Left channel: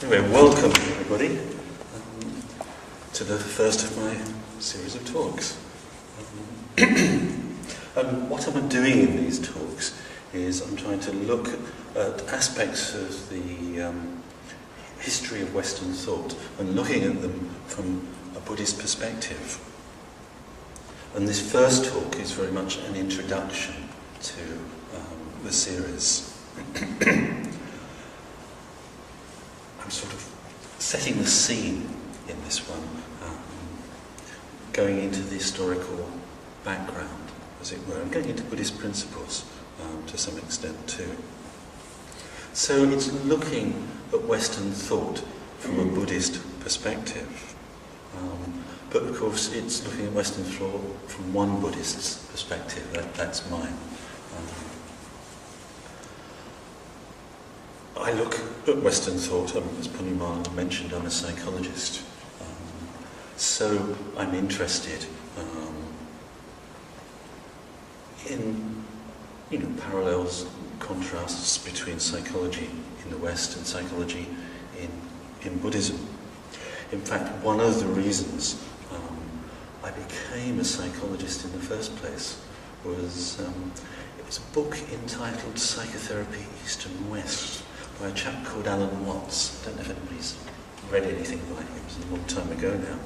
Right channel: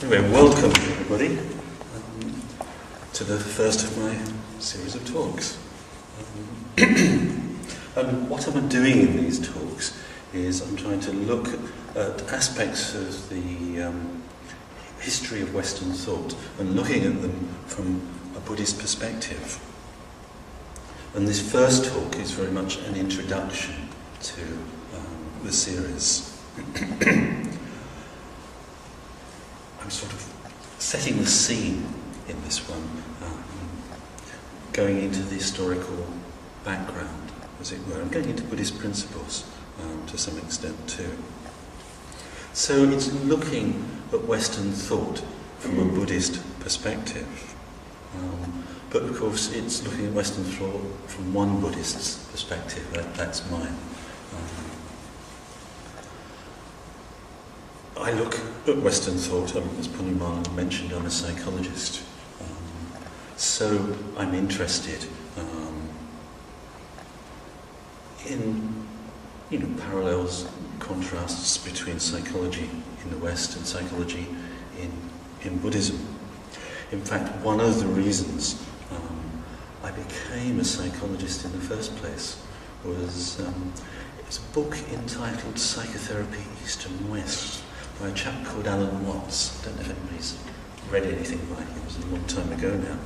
Anyway, welcome everybody to the first of my series of talks. And what I'm doing in these talks is I'm trying to look at aspects of the history of Western thought and looking at them from a Buddhist perspective. And this first talk is very much an introduction to the series. I'm sort of setting the scene in this one, going into the historical background, as it were, and going into Buddhist principles to some extent too. So it's looking at Western thought from a Buddhist perspective. But of course it's looking at Western thought from one Buddhist's perspective, that's mine. I look at Western thought, as Punimala mentioned, I'm a psychologist. So I'm interested in parallels, contrasts between psychology in the West and psychology in Buddhism. In fact, one of the reasons I became a psychologist in the first place was it's a book entitled Psychotherapy East and West by a chap called Alan Watts. I don't know if anybody's read anything by him, it was a long time ago now,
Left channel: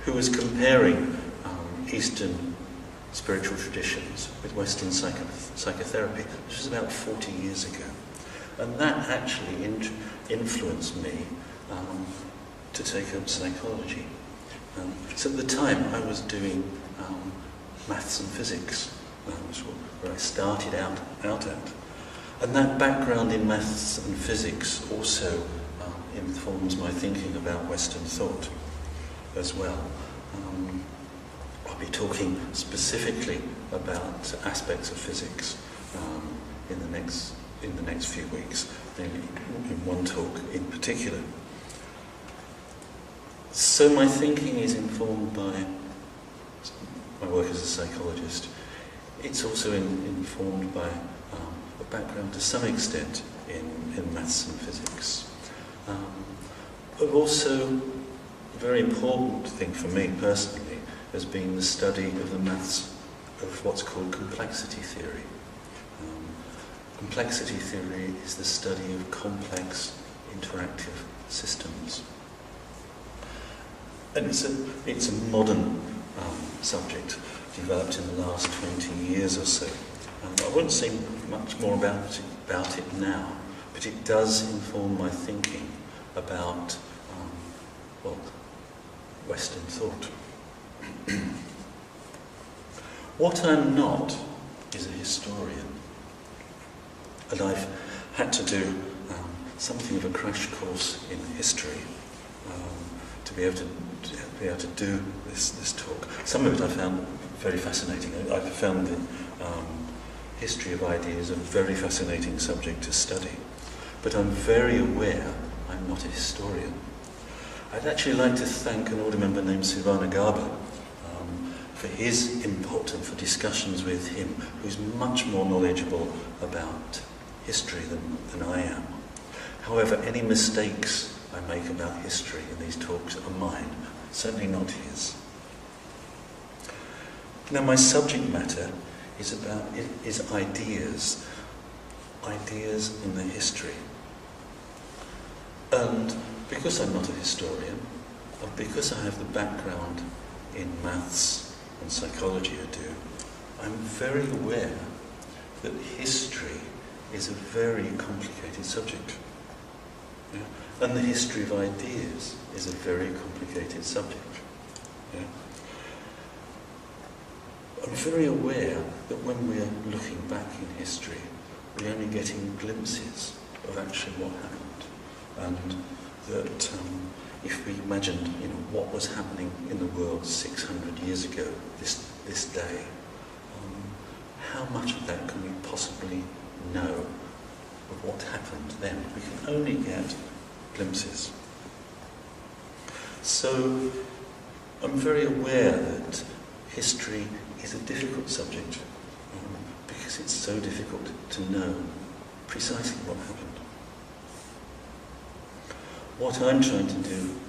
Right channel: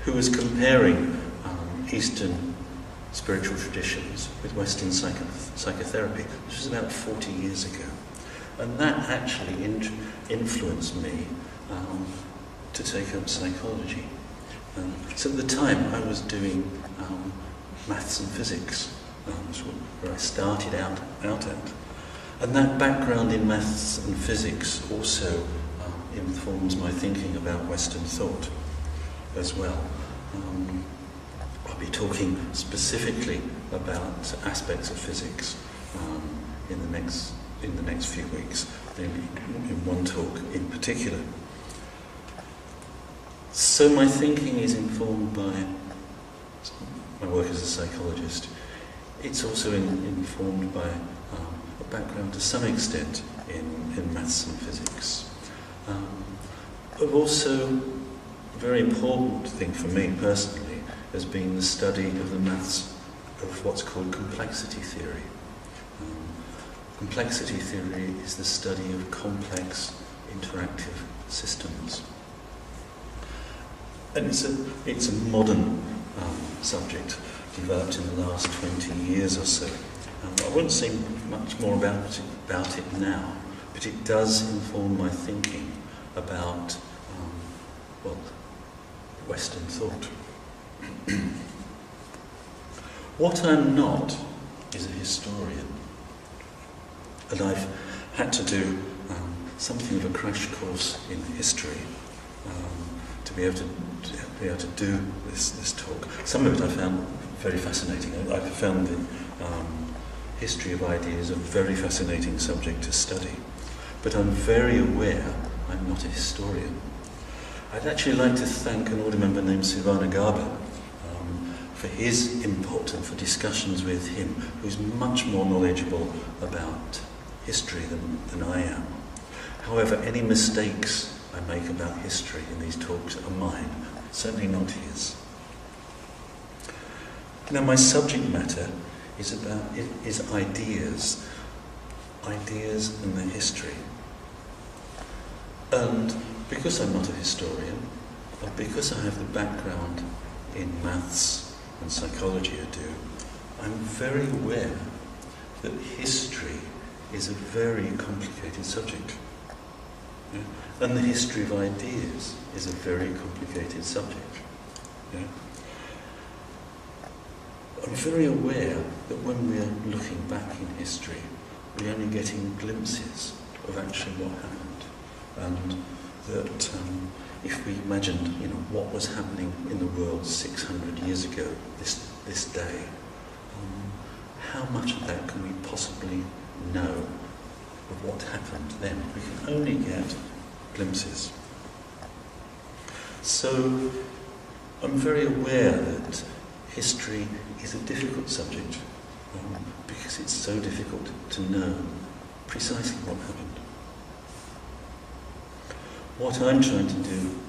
who was comparing Eastern spiritual traditions with Western psychotherapy, which was about 40 years ago. And that actually influenced me to take up psychology. So at the time I was doing maths and physics, where I started out at. And that background in maths and physics also informs my thinking about Western thought as well. I'll be talking specifically about aspects of physics in the next few weeks, maybe in one talk in particular. So my thinking is informed by my work as a psychologist. It's also informed by a background to some extent in maths and physics. Also, a very important thing for me personally has been the study of the maths of what's called complexity theory. Complexity theory is the study of complex interactive systems. And it's a modern subject developed in the last 20 years or so. I won't say much more about it now, but it does inform my thinking about, Western thought. What I'm not is a historian, and I've had to do something of a crash course in history to be able to do this talk. Some of it I found very fascinating. I found the history of ideas a very fascinating subject to study, but I'm very aware I'm not a historian. I'd actually like to thank an order member named Sivanagaba for his input and for discussions with him, who's much more knowledgeable about history than I am. However, any mistakes I make about history in these talks are mine, certainly not his. Now, my subject matter is ideas and their history. And because I'm not a historian, and because I have the background in maths and psychology I do, I'm very aware that history is a very complicated subject. Yeah? And the history of ideas is a very complicated subject. Yeah? I'm very aware that when we're looking back in history, we're only getting glimpses of actually what happened. And that if we imagined, what was happening in the world 600 years ago, this day, how much of that can we possibly know of what happened then? We can only get glimpses. So I'm very aware that history is a difficult subject because it's so difficult to know precisely what happened. What I'm trying to do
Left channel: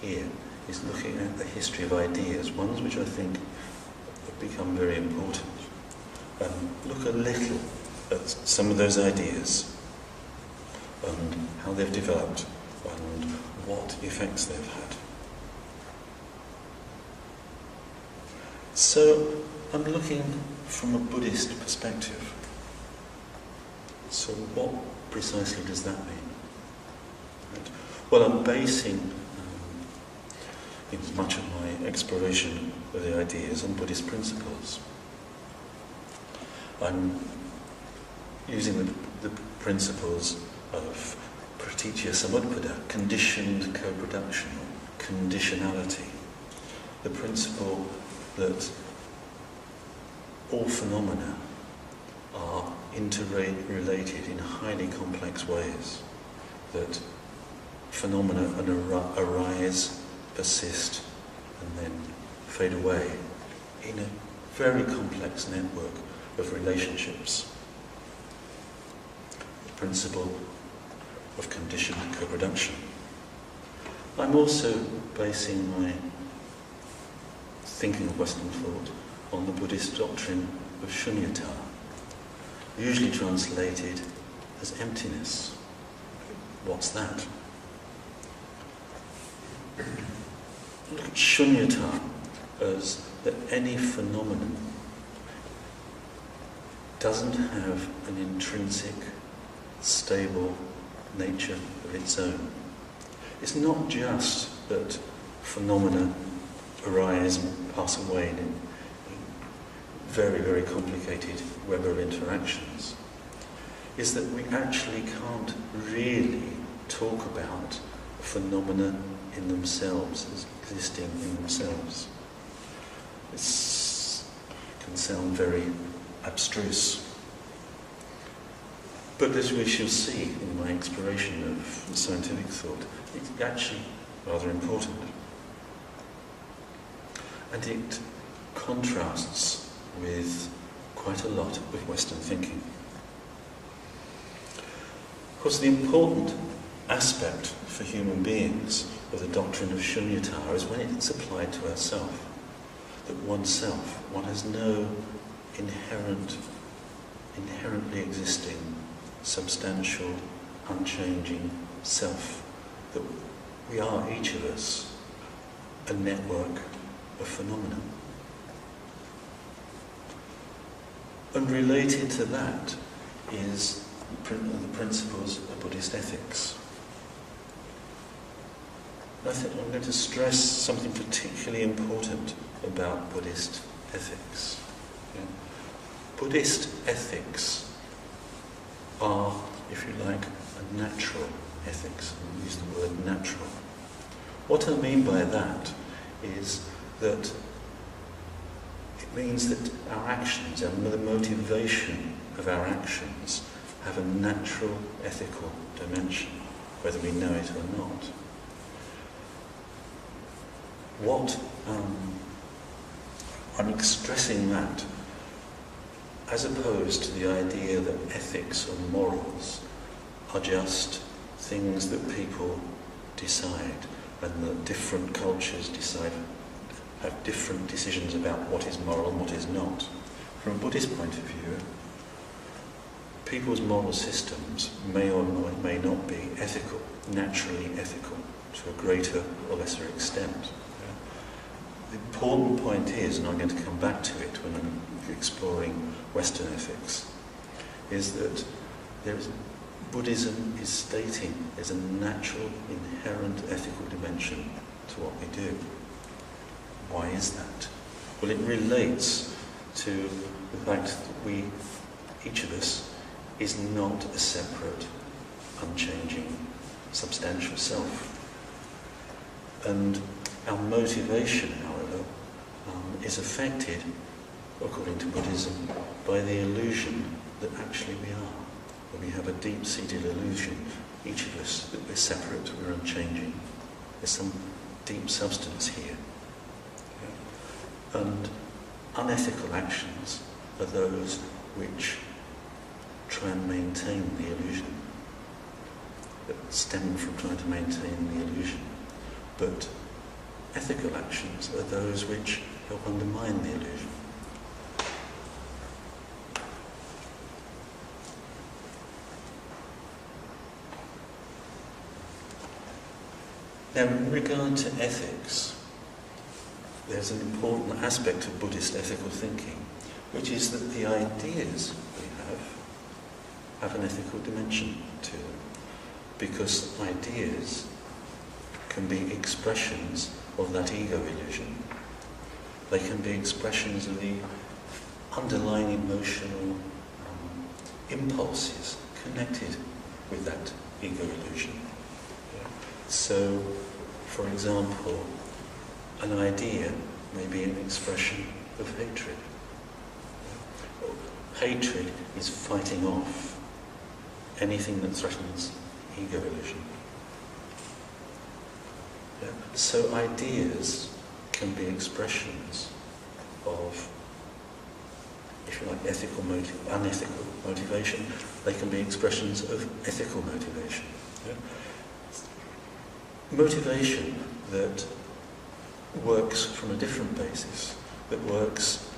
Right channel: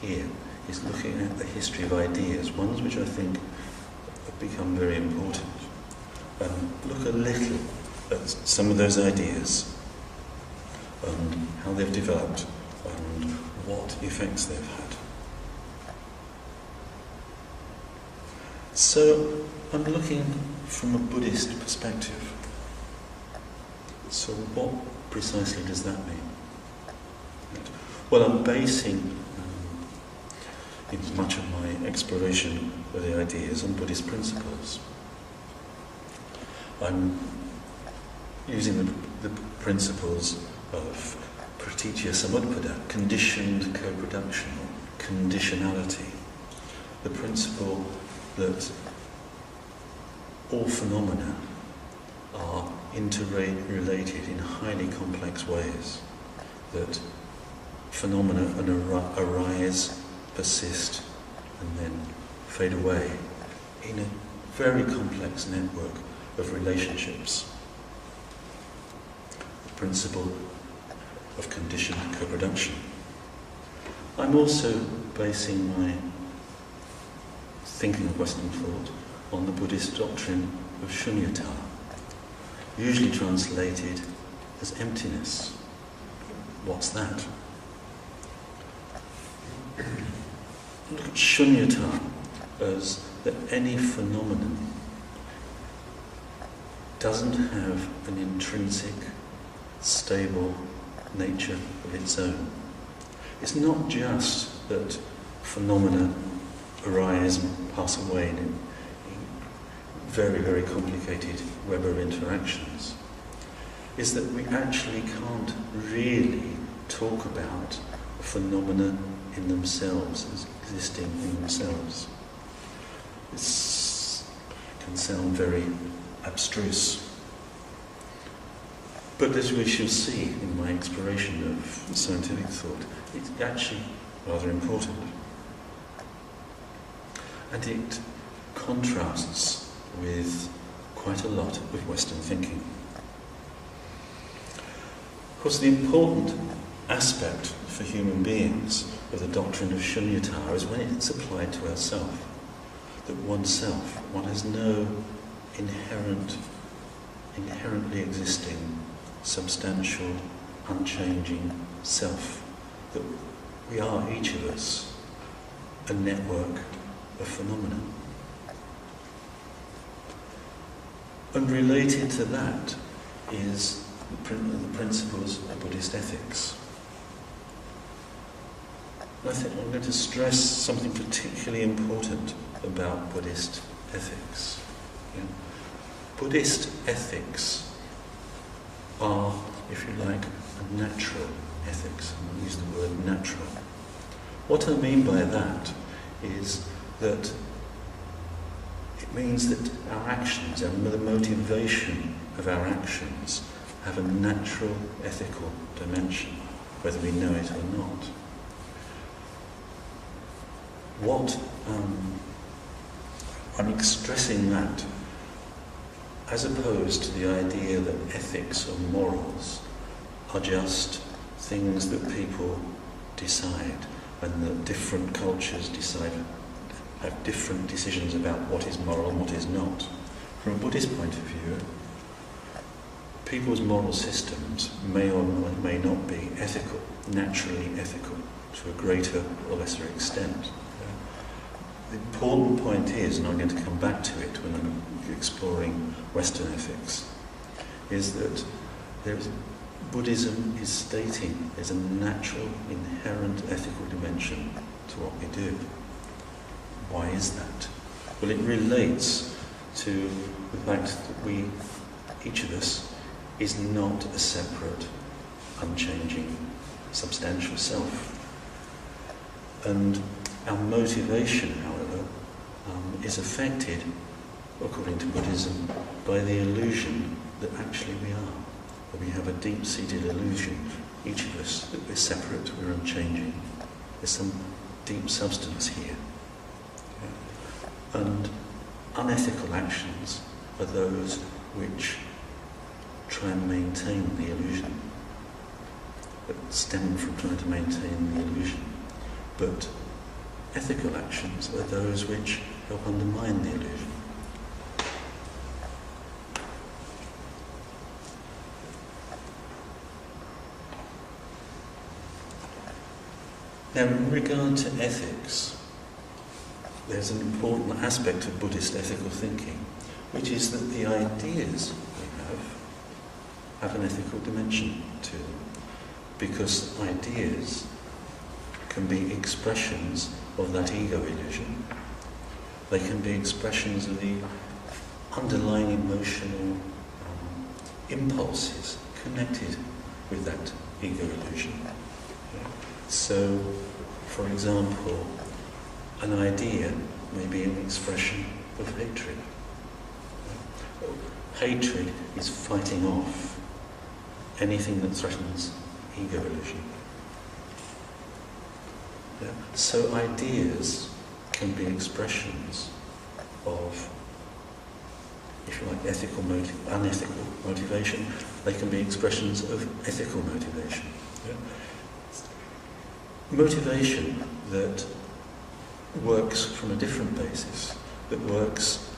here is looking at the history of ideas, ones which I think have become very important, and look a little at some of those ideas and how they've developed and what effects they've had. So I'm looking from a Buddhist perspective. So what precisely does that mean? Right. Well, I'm basing in much of my exploration of the ideas on Buddhist principles. I'm using the principles of pratitya samutpada, conditioned co-production, or conditionality. The principle that all phenomena are interrelated in highly complex ways, that phenomena arise, persist, and then fade away in a very complex network of relationships. The principle of conditioned co-production. I'm also basing my thinking of Western thought on the Buddhist doctrine of shunyata, usually translated as emptiness. What's that? Look at shunyata as that any phenomenon doesn't have an intrinsic, stable nature of its own. It's not just that phenomena arise and pass away in very, very complicated web of interactions. Is that we actually can't really talk about phenomena in themselves as existing in themselves. This can sound very abstruse. But as we shall see in my exploration of scientific thought, it's actually rather important. And it contrasts with quite a lot of Western thinking. Of course, the important aspect for human beings of the doctrine of shunyata is when it's applied to ourself. That oneself, one has no inherently existing, substantial, unchanging self. That we are, each of us, a network of phenomena. And related to that is the principles of Buddhist ethics. I think I'm going to stress something particularly important about Buddhist ethics. Yeah? Buddhist ethics are, if you like, a natural ethics. I use the word natural. What I mean by that is that it means that our actions and the motivation of our actions have a natural ethical dimension, whether we know it or not. I'm stressing that as opposed to the idea that ethics or morals are just things that people decide and that different cultures have different decisions about what is moral and what is not. From a Buddhist point of view, people's moral systems may or may not be ethical, naturally ethical, to a greater or lesser extent. The important point is, and I'm going to come back to it when I'm exploring Western ethics, is that Buddhism is stating there's a natural, inherent ethical dimension to what we do. Why is that? Well, it relates to the fact that each of us, is not a separate, unchanging, substantial self. And our motivation, however, is affected, according to Buddhism, by the illusion that actually we are. That we have a deep-seated illusion, each of us, that we're separate, we're unchanging. There's some deep substance here. Yeah. And unethical actions are those which try and maintain the illusion. that stem from trying to maintain the illusion. But ethical actions are those which help undermine the illusion. Now, in regard to ethics, there's an important aspect of Buddhist ethical thinking, which is that the ideas we have an ethical dimension to them, because ideas can be expressions of that ego illusion. They can be expressions of the underlying emotional impulses connected with that ego illusion. Yeah. So, for example, an idea may be an expression of hatred. Yeah. Hatred is fighting off anything that threatens the ego illusion. Yeah. So ideas can be expressions of, if you like, unethical motivation. They can be expressions of ethical motivation. Yeah. Motivation that works from a different basis, that works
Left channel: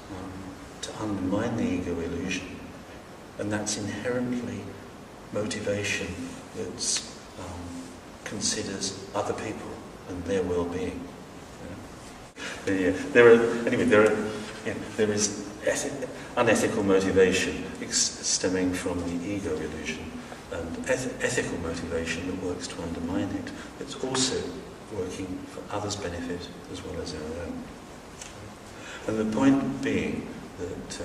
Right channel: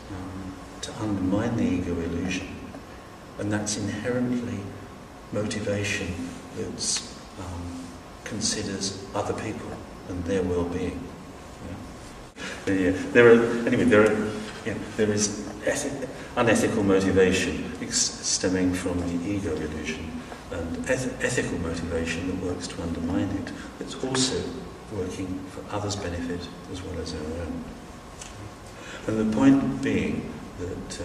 to undermine the ego illusion, and that's inherently motivation that considers other people and their well-being. Yeah. There is unethical motivation stemming from the ego illusion, and ethical motivation that works to undermine it, that's also working for others' benefit as well as our own. And the point being that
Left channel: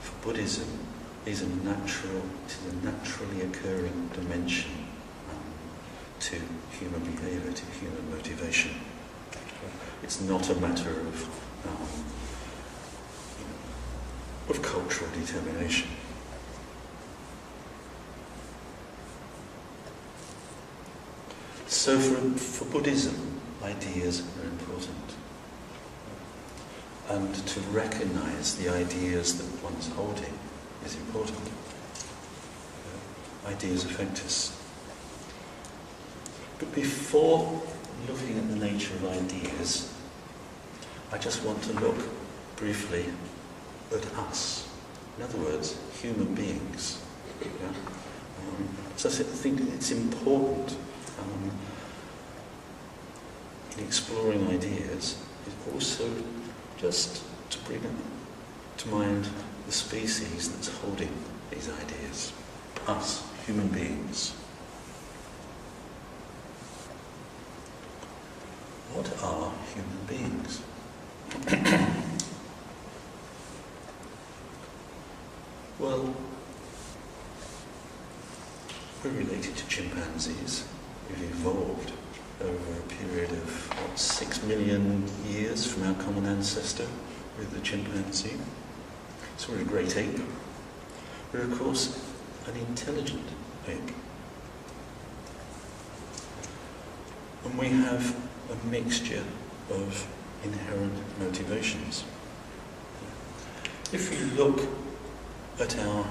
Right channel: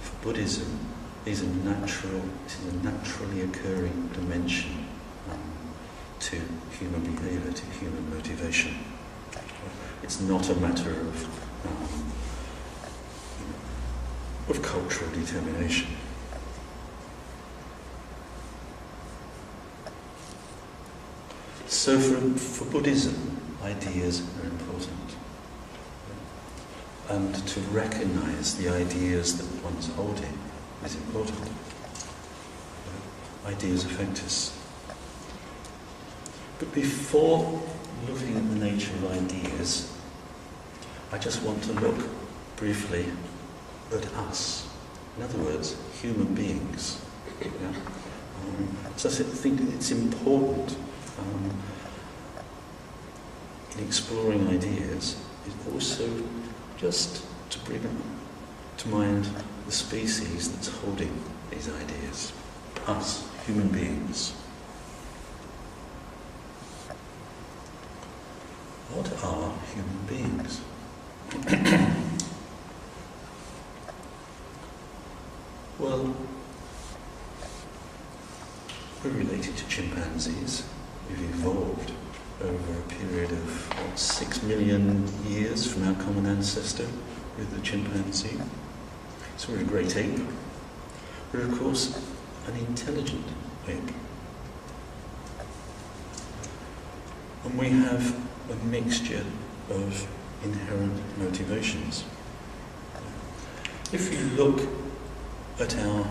for Buddhism, this is a naturally occurring dimension to human behaviour, to human motivation. It's not a matter of cultural determination. So for Buddhism, ideas are important. And to recognise the ideas that one's holding is important. Ideas affect us. But before looking at the nature of ideas, I just want to look briefly at us. In other words, human beings. Yeah? So I think it's important in exploring ideas is also just to bring to mind the species that's holding these ideas. Us, human beings. What are human beings? Well, we're related to chimpanzees. We've evolved over a period of, 6 million years from our common ancestor with the chimpanzee. So we're a great ape. We're, of course, an intelligent ape. And we have a mixture of inherent motivations. If you look at our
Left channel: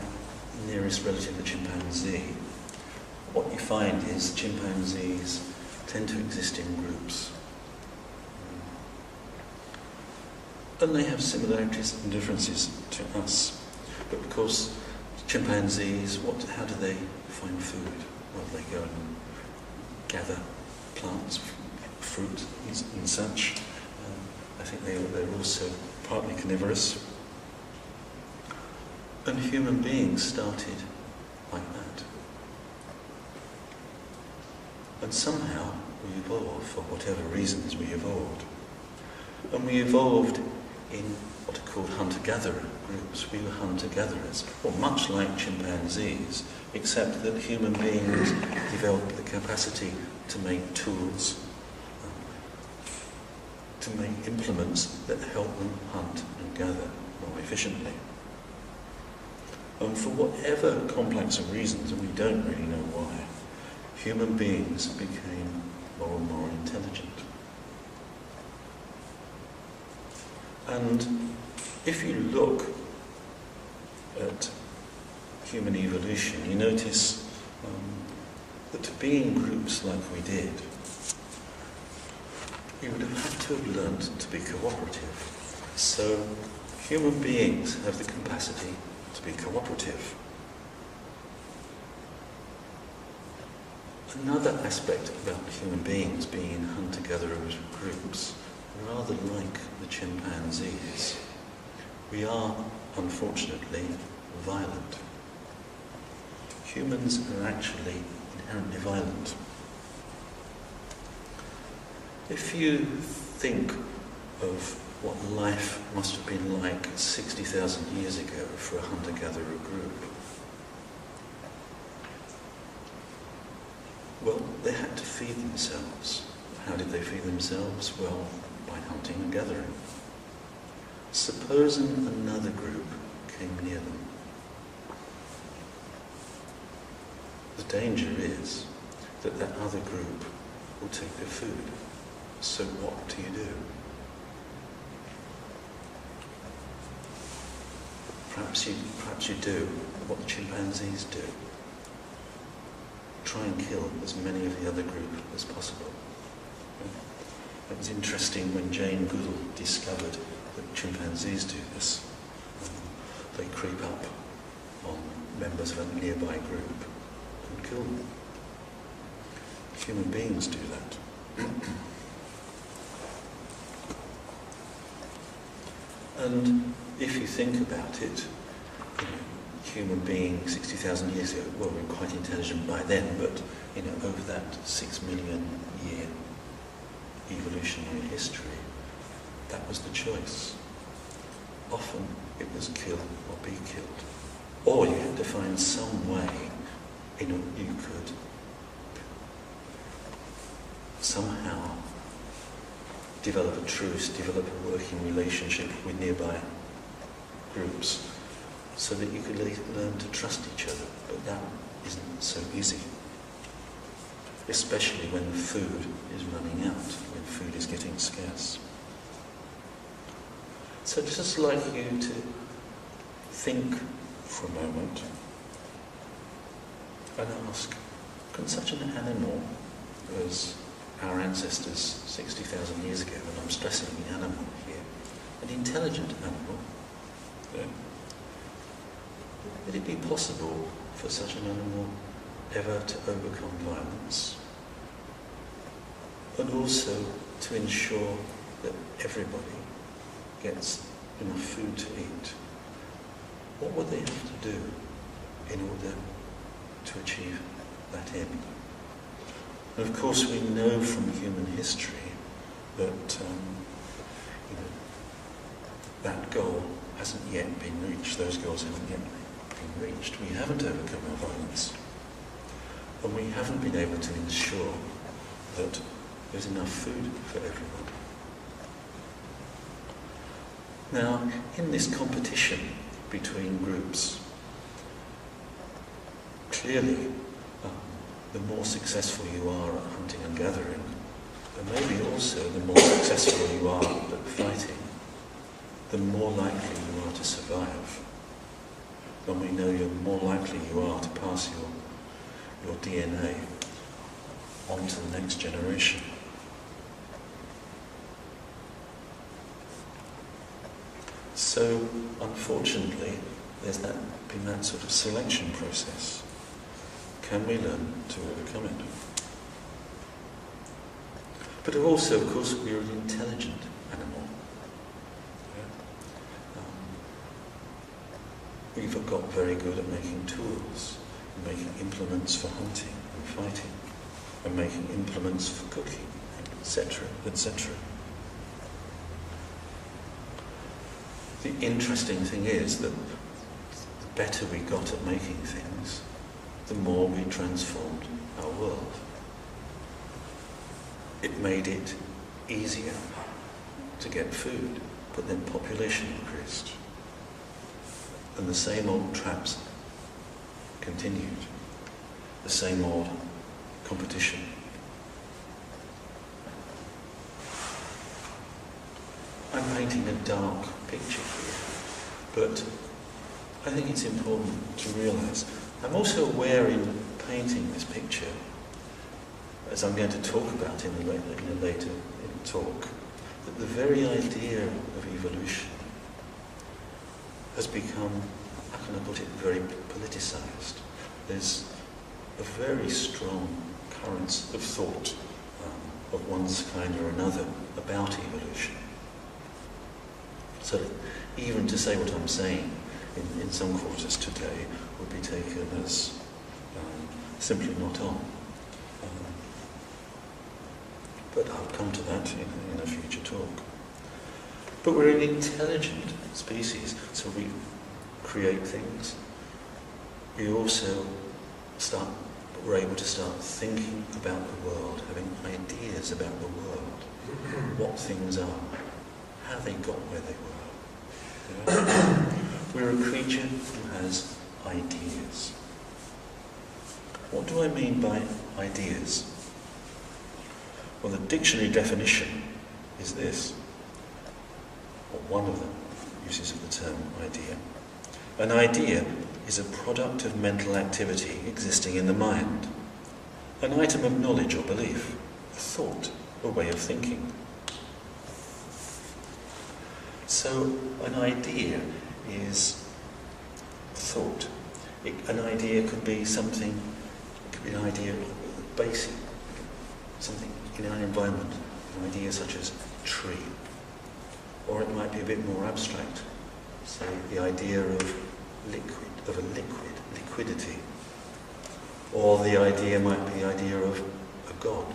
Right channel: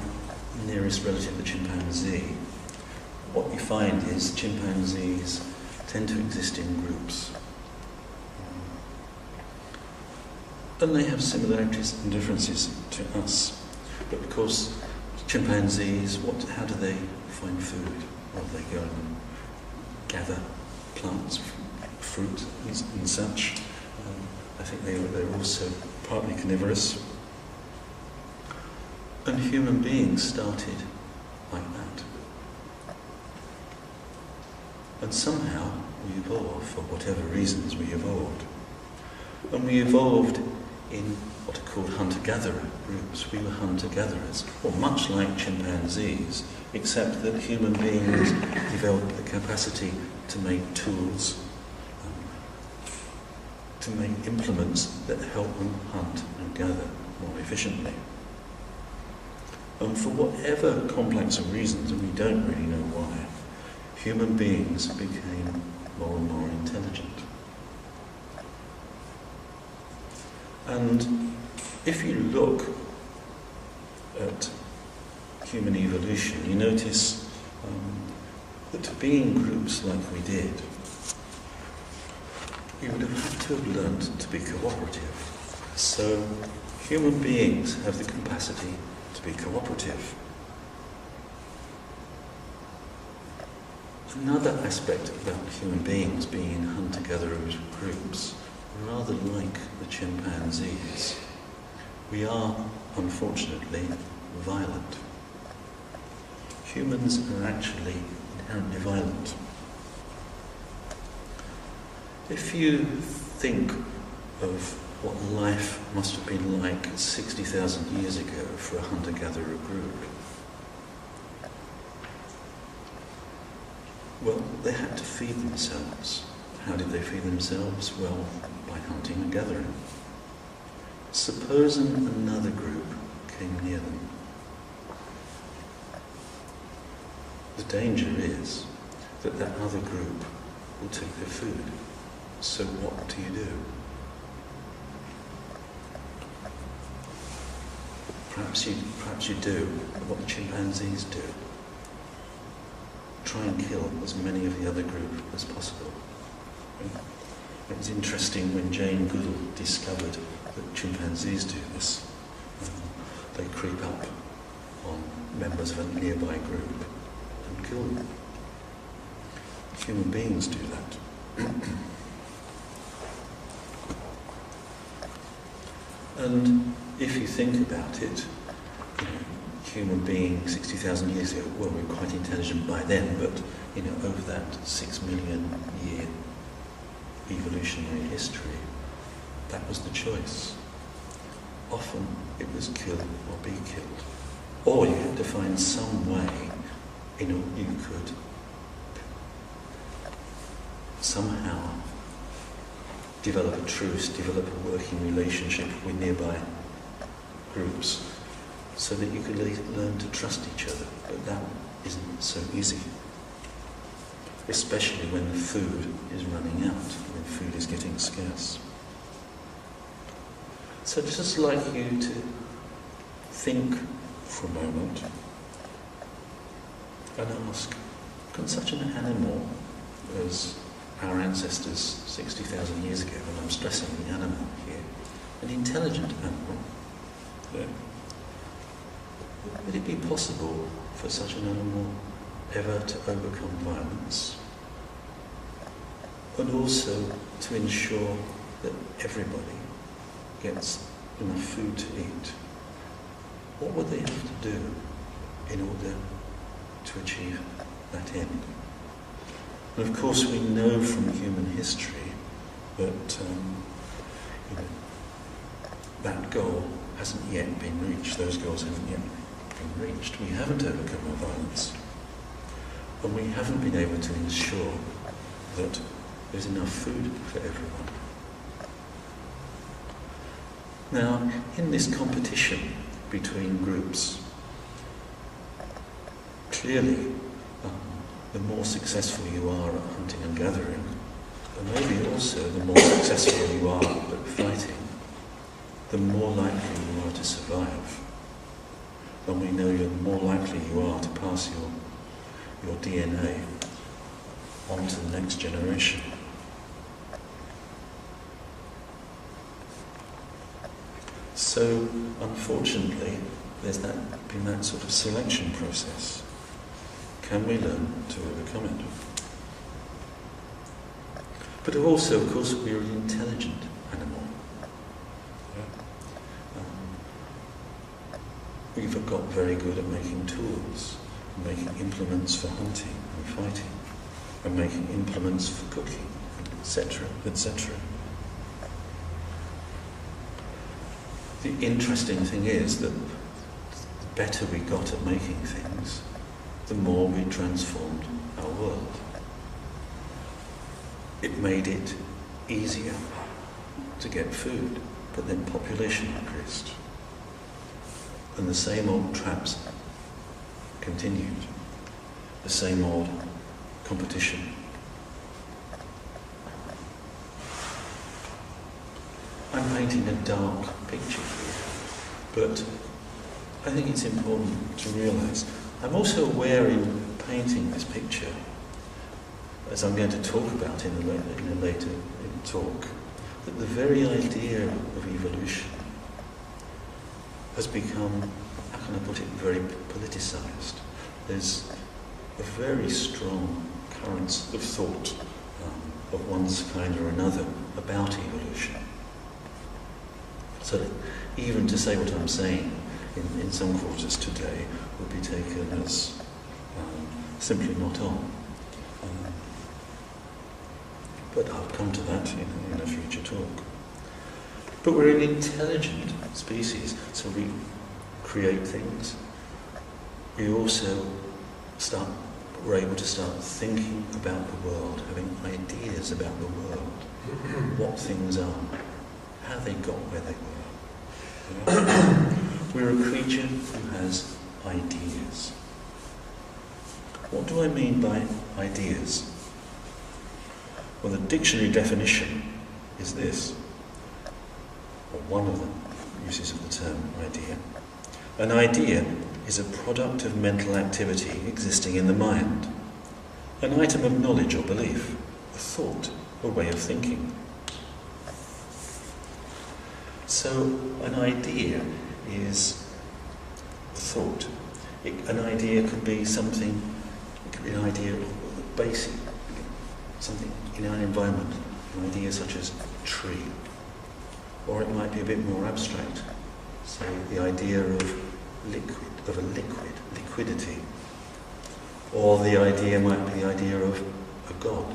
nearest relative, the chimpanzee, what you find is chimpanzees tend to exist in groups. And they have similarities and differences to us. But of course, chimpanzees, how do they find food? Well, they go and gather plants, fruit and such. I think they're also partly carnivorous. And human beings started like that. And somehow we evolved, for whatever reasons we evolved. And we evolved in what are called hunter-gatherer groups. We were hunter-gatherers, or much like chimpanzees, except that human beings developed the capacity to make tools, to make implements that help them hunt and gather more efficiently. And for whatever complex of reasons, and we don't really know why, human beings became more and more intelligent. And if you look at human evolution, you notice that to be in groups like we did, we would have had to have learned to be cooperative. So human beings have the capacity to be cooperative. Another aspect about human beings being in hunter-gatherer groups, rather like the chimpanzees, we are, unfortunately, violent. Humans are actually inherently violent. If you think of what life must have been like 60,000 years ago for a hunter-gatherer group, well, they had to feed themselves. How did they feed themselves? Well, by hunting and gathering. Supposing another group came near them. The danger is that that other group will take their food. So what do you do? Perhaps you do what the chimpanzees do. Try and kill as many of the other group as possible. It was interesting when Jane Goodall discovered that chimpanzees do this. They creep up on members of a nearby group and kill them. Human beings do that. And if you think about it, human beings 60,000 years ago, well, we were quite intelligent by then, but over that 6 million year evolutionary history, that was the choice. Often it was kill or be killed. Or you had to find some way, you could somehow develop a truce, develop a working relationship with nearby groups, so that you could learn to trust each other. But that isn't so easy. Especially when the food is running out, when food is getting scarce. So I'd just like you to think for a moment and ask, can such an animal as our ancestors 60,000 years ago, and I'm stressing the animal here, an intelligent animal, would it be possible for such an animal ever to overcome violence? And also to ensure that everybody gets enough food to eat? What would they have to do in order to achieve that end? And of course we know from human history that that goal hasn't yet been reached. Those goals haven't yet been reached. We haven't overcome our violence. And we haven't been able to ensure that there's enough food for everyone. Now, in this competition between groups, clearly the more successful you are at hunting and gathering, and maybe also the more successful you are at fighting, the more likely you are to survive. And we know the more likely you are to pass your DNA on to the next generation. So, unfortunately, there's been that sort of selection process. Can we learn to overcome it? But also, of course, we're an intelligent animal. We've got very good at making tools, making implements for hunting and fighting, and making implements for cooking, etc., etc. The interesting thing is that the better we got at making things, the more we transformed our world. It made it easier to get food, but then population increased. And the same old traps continued. The same old competition. I'm painting a dark picture here, but I think it's important to realise I'm also aware in painting this picture as I'm going to talk about in a later talk, that the very idea of evolution has become, how can I put it, very politicised. There's a very strong current of thought of one kind or another about evolution. So that even to say what I'm saying in some quarters today would be taken as simply not on. But I'll come to that in a future talk. But we're an intelligent species, so we create things. We also we're able to start thinking about the world, having ideas about the world, what things are, how they got where they were. We're a creature who has ideas. What do I mean by ideas? Well, the dictionary definition is this, or one of the uses of the term idea. An idea is a product of mental activity existing in the mind, an item of knowledge or belief, a thought, a way of thinking. So an idea is a thought. An idea could be something, it could be an idea of basic, something in our environment, an idea such as tree. Or it might be a bit more abstract, say the idea of liquidity. Or the idea might be the idea of a God.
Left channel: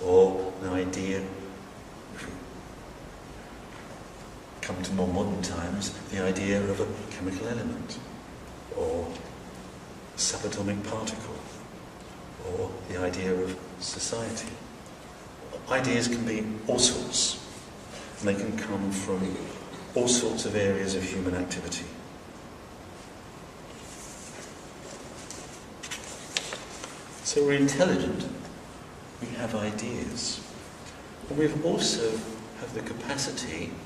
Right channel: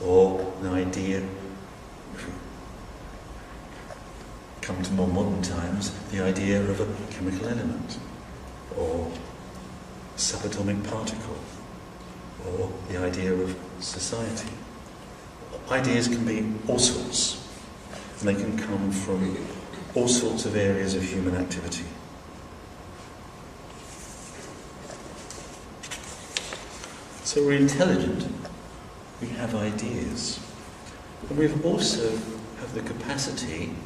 Or an idea, if we come to more modern times, the idea of a chemical element, or a subatomic particle, or the idea of society. Ideas can be all sorts, and they can come from all sorts of areas of human activity. So we're intelligent, we have ideas, and we also have the capacity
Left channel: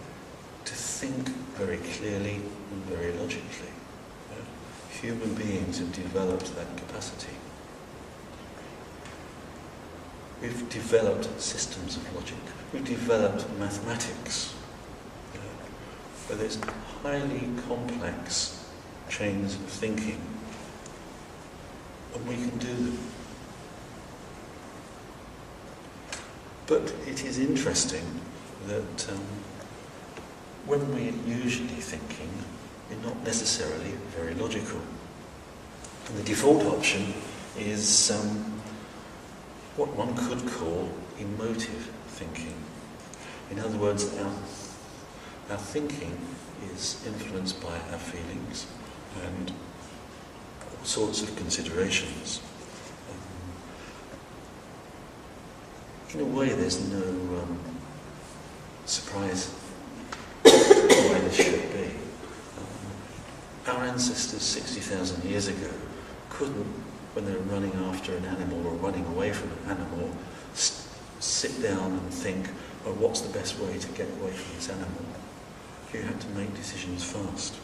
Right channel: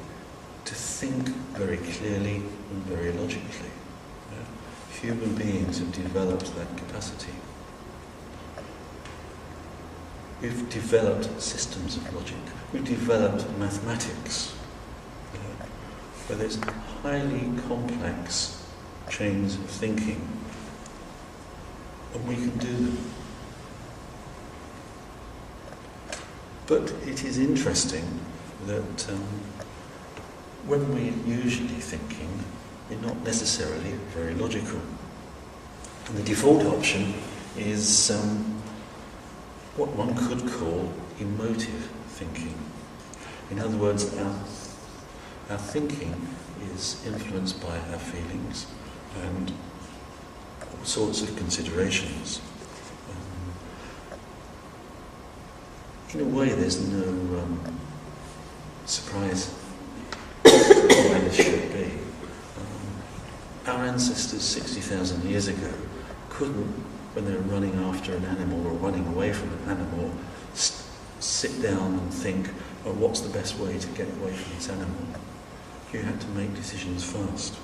to think very clearly and very logically. Human beings have developed that capacity. We've developed systems of logic. We've developed mathematics, where there's highly complex chains of thinking, and we can do them. But it is interesting that when we're usually thinking, we're not necessarily very logical. And the default option is what one could call emotive thinking. In other words, our thinking is influenced by our feelings and all sorts of considerations. In a way, there's no surprise the way this should be. Our ancestors 60,000 years ago couldn't, when they were running after an animal or running away from an animal, sit down and think, oh, what's the best way to get away from this animal? You had to make decisions fast,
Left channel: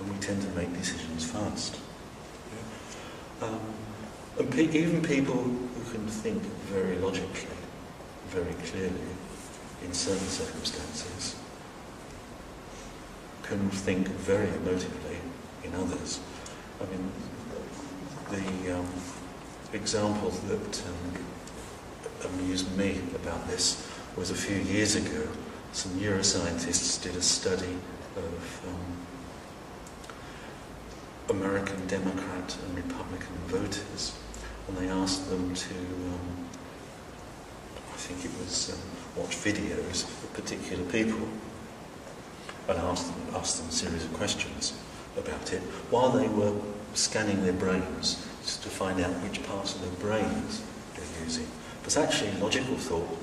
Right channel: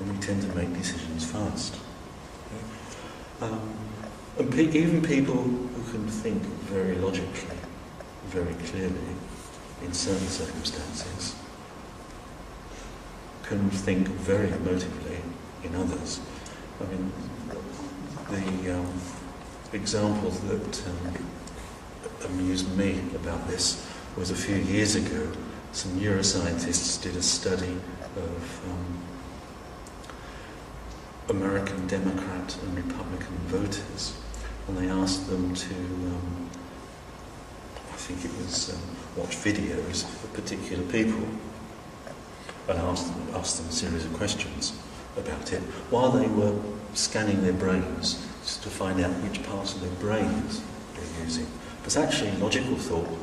and we tend to make decisions fast. Yeah? And even people who can think very logically, very clearly, in certain circumstances, can think very emotively in others. I mean, the example that amused me about this was a few years ago, some neuroscientists did a study of American Democrat and Republican voters, and they asked them to I think it was watch videos of particular people, and asked them a series of questions about it while they were scanning their brains just to find out which parts of their brains they're using. Because actually logical thought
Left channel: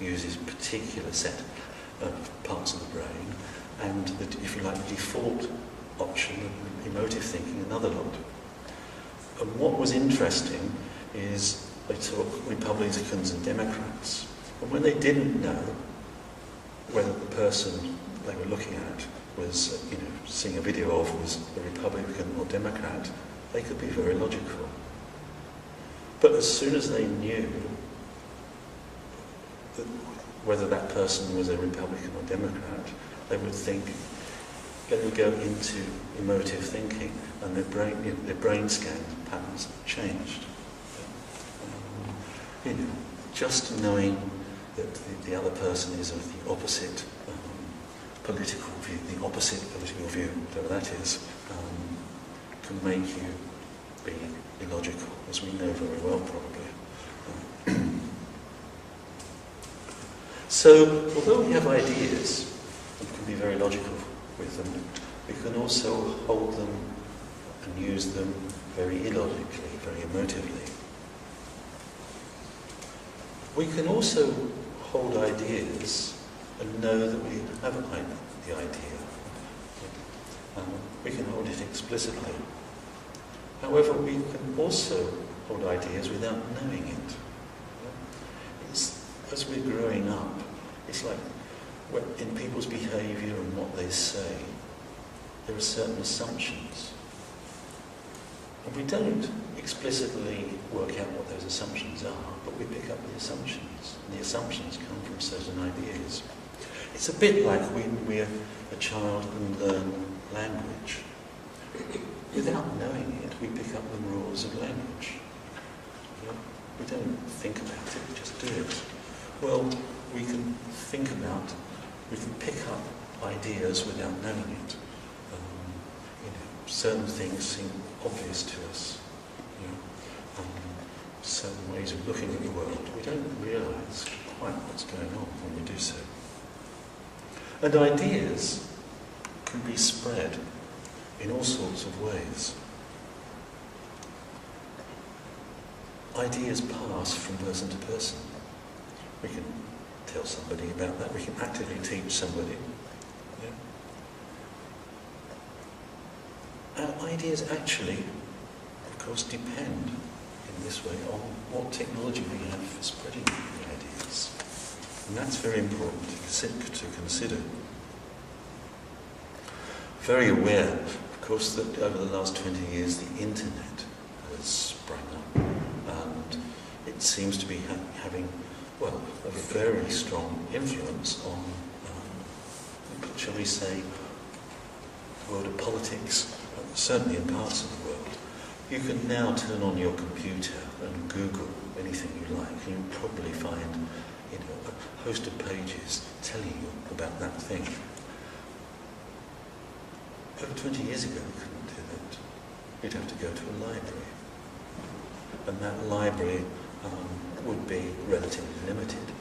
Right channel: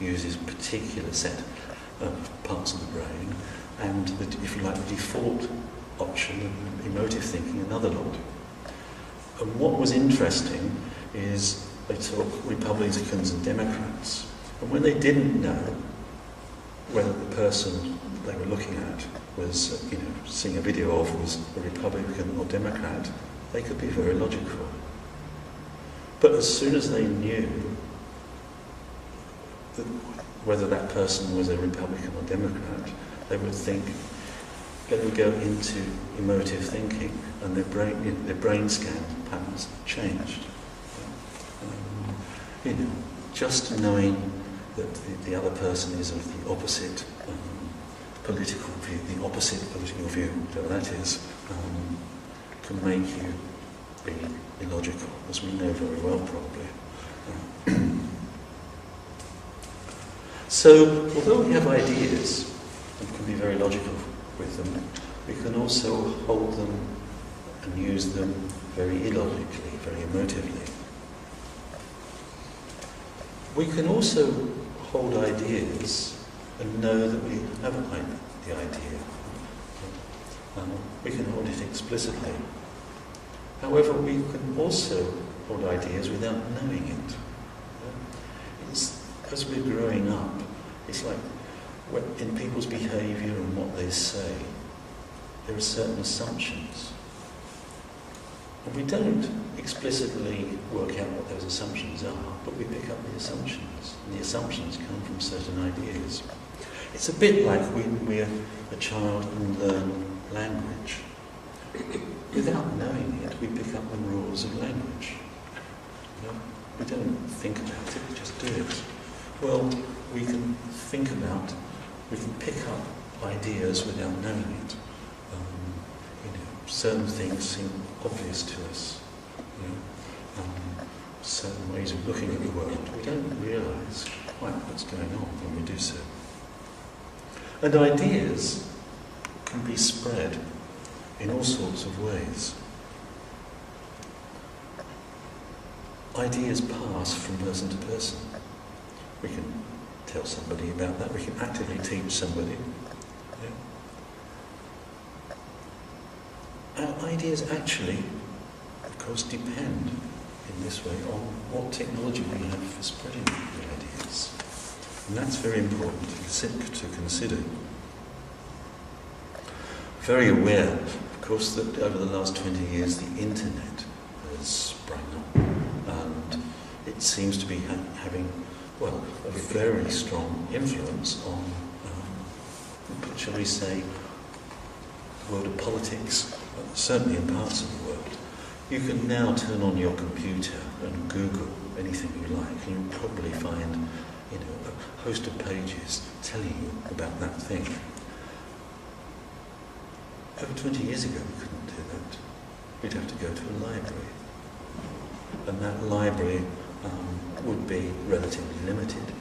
uses a particular set of parts of the brain, and if you like, the default option of emotive thinking, another lot. And what was interesting is they took Republicans and Democrats, and when they didn't know whether the person they were looking at was, seeing a video of was a Republican or Democrat, they could be very logical. But as soon as they knew that whether that person was a Republican or Democrat, they would think, they would go into emotive thinking, and their brain scan patterns changed. Just knowing that the other person is of the opposite political view, whatever that is, can make you be illogical, as we know very well, probably. So, although we have ideas and can be very logical with them, we can also hold them and use them very illogically, very emotively. We can also hold ideas and know that we have the idea. We can hold it explicitly. However, we can also hold ideas without knowing it. As we're growing up, it's like in people's behaviour and what they say, there are certain assumptions. And we don't explicitly work out what those assumptions are, but we pick up the assumptions. And the assumptions come from certain ideas. It's a bit like when we're a child and learn language. Without knowing it, we pick up the rules of language. We don't think about it, we just do it. Well, we can pick up ideas without knowing it. Certain things seem obvious to us. Certain ways of looking at the world. We don't realise quite what's going on when we do so. And ideas can be spread in all sorts of ways. Ideas pass from person to person. We can tell somebody about that. We can actively teach somebody. Our ideas actually, of course, depend in this way on what technology we have for spreading the ideas. And that's very important to consider. Very aware, of course, that over the last 20 years the internet has sprung up, and it seems to be having, a very strong influence on, shall we say, the world of politics, certainly in parts of the world. You can now turn on your computer and Google anything you like, and you'll probably find, a host of pages telling you about that thing. Over 20 years ago we couldn't do that. We'd have to go to a library. And that library would be relatively limited.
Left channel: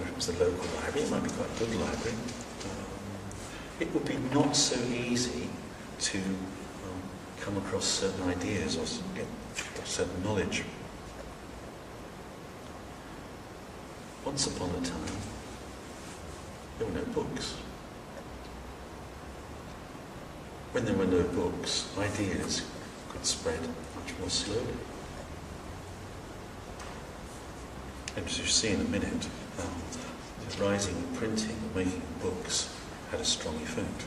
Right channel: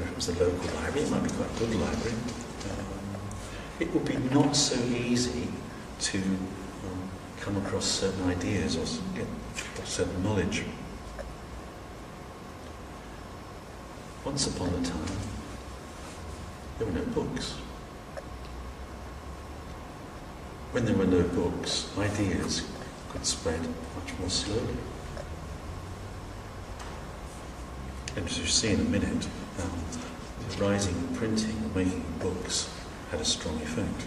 If it was a local library, it might be quite a good library. It would be not so easy to come across certain ideas or get certain knowledge. Once upon a time, there were no books. When there were no books, ideas could spread much more slowly. And as you'll see in a minute, the rising of printing and making books had a strong effect.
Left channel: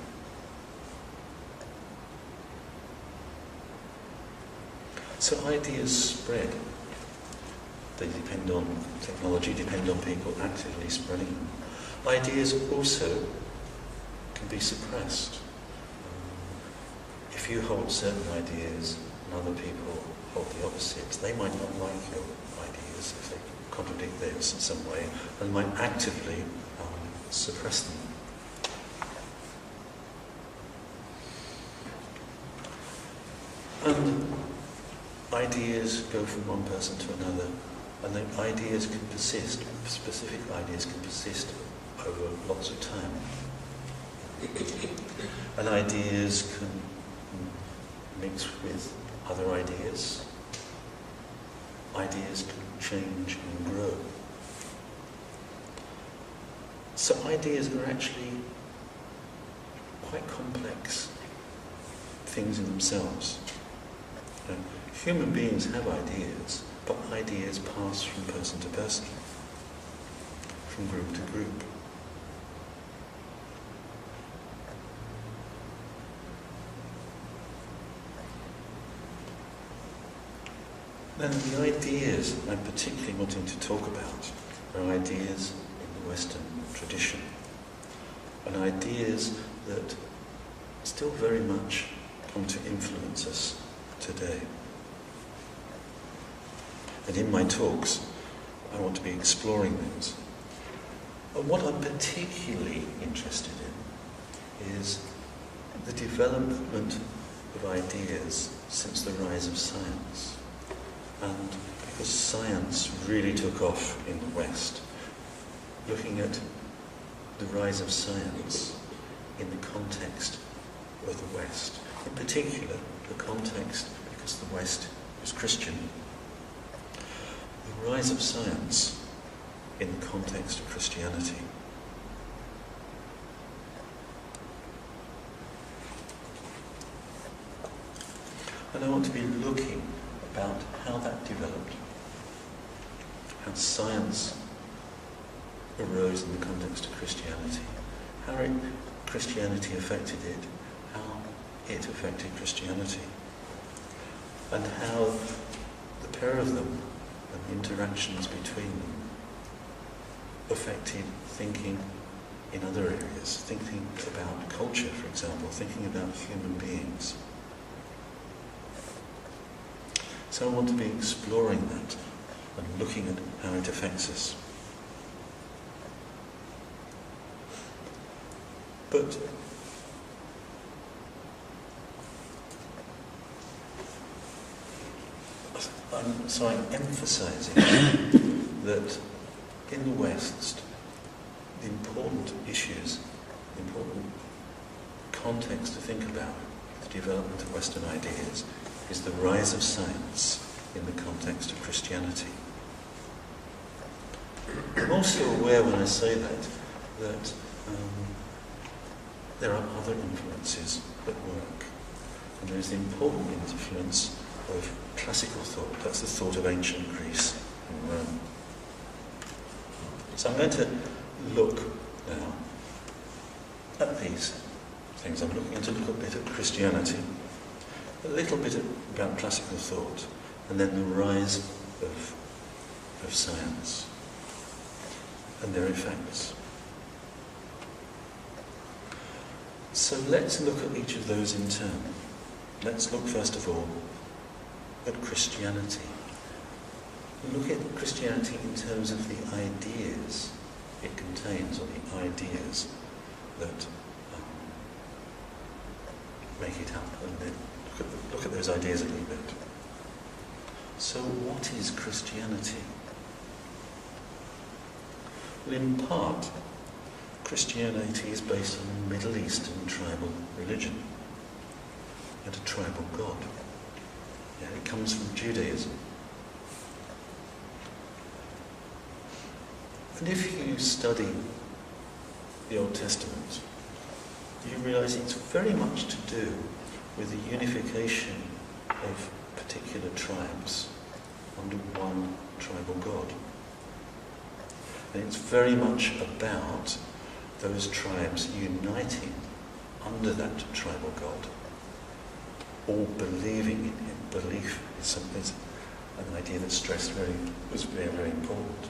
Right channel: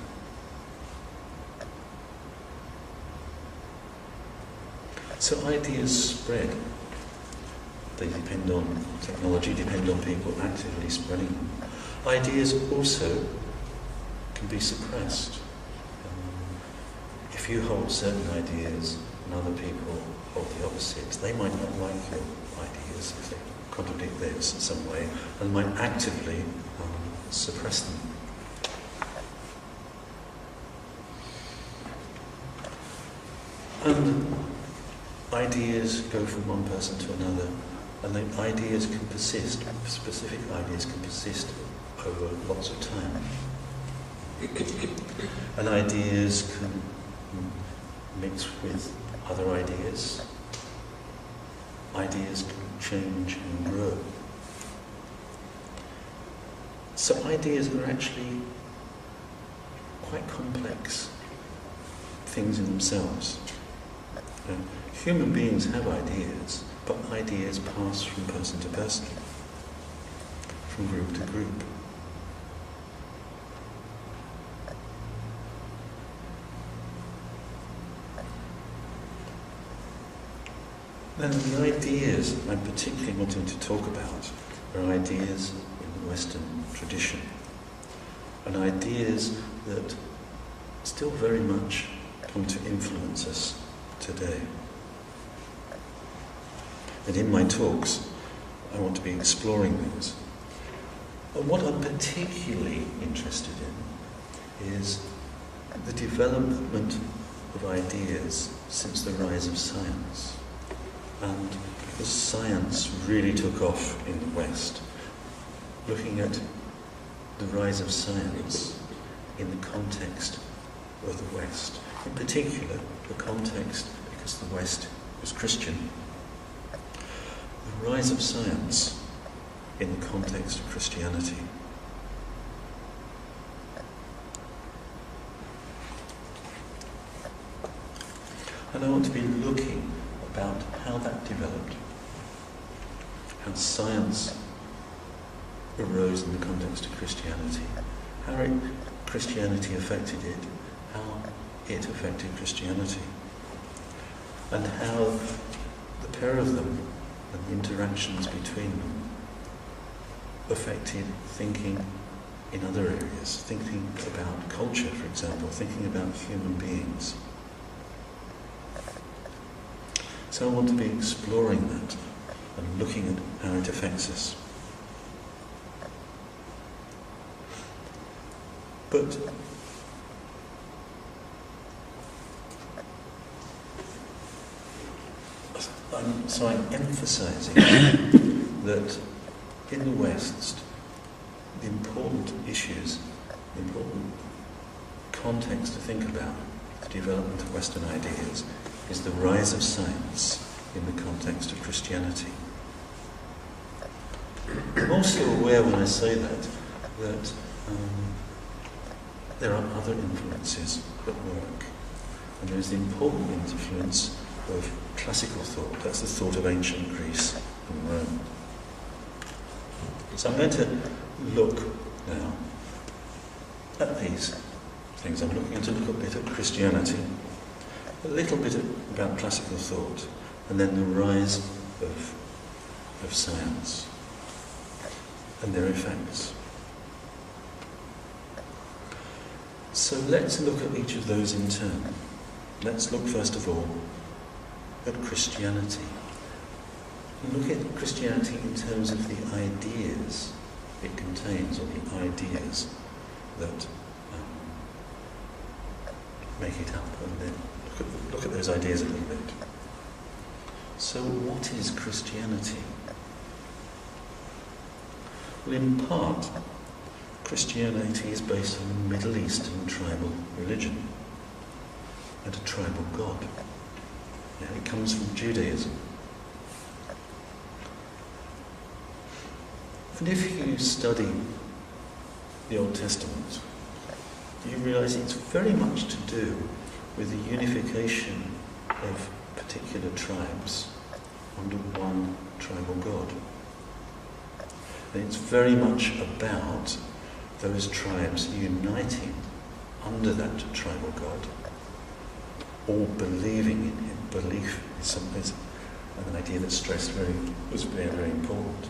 So ideas spread. They depend on technology, depend on people actively spreading them. Ideas also can be suppressed. If you hold certain ideas and other people hold the opposites, they might not like your ideas if they contradict theirs in some way, and might actively suppress them. And ideas go from one person to another, and the ideas can persist, specific ideas can persist over lots of time. And ideas can mix with other ideas. Ideas can change and grow. So ideas are actually quite complex things in themselves. Human beings have ideas, but ideas pass from person to person, from group to group. Then the ideas I'm particularly wanting to talk about are ideas in the Western tradition, and ideas that still very much come to influence us today. And in my talks, I want to be exploring those. And what I'm particularly interested in is the development of ideas since the rise of science. And because science really took off in the West, looking at the rise of science in the context of the West, in particular the context because the West is Christian, the rise of science in the context of Christianity. And I want to be looking about how that developed, how science arose in the context of Christianity, how Christianity affected it, how it affected Christianity, and how the pair of them and the interactions between them affected thinking in other areas, thinking about culture, for example, thinking about human beings. So I want to be exploring that and looking at how it affects us. But I'm emphasising that in the West, the important issues, the important context to think about the development of Western ideas is the rise of science in the context of Christianity. I'm also aware when I say that there are other influences at work. And there is the important influence of classical thought. That's the thought of ancient Greece and Rome. So I'm going to look now at these things. I'm looking to look a bit at Christianity, a little bit about classical thought, and then the rise of science and their effects. So let's look at each of those in turn. Let's look first of all at Christianity. Look at Christianity in terms of the ideas it contains, or the ideas that make it up, and then look at those ideas a little bit. So what is Christianity? Well, in part, Christianity is based on a Middle Eastern tribal religion and a tribal god. Yeah, it comes from Judaism. And if you study the Old Testament, you realise it's very much to do with the unification of particular tribes under one tribal god. And it's very much about those tribes uniting under that tribal god, all believing in him. Belief is an idea that's was very important.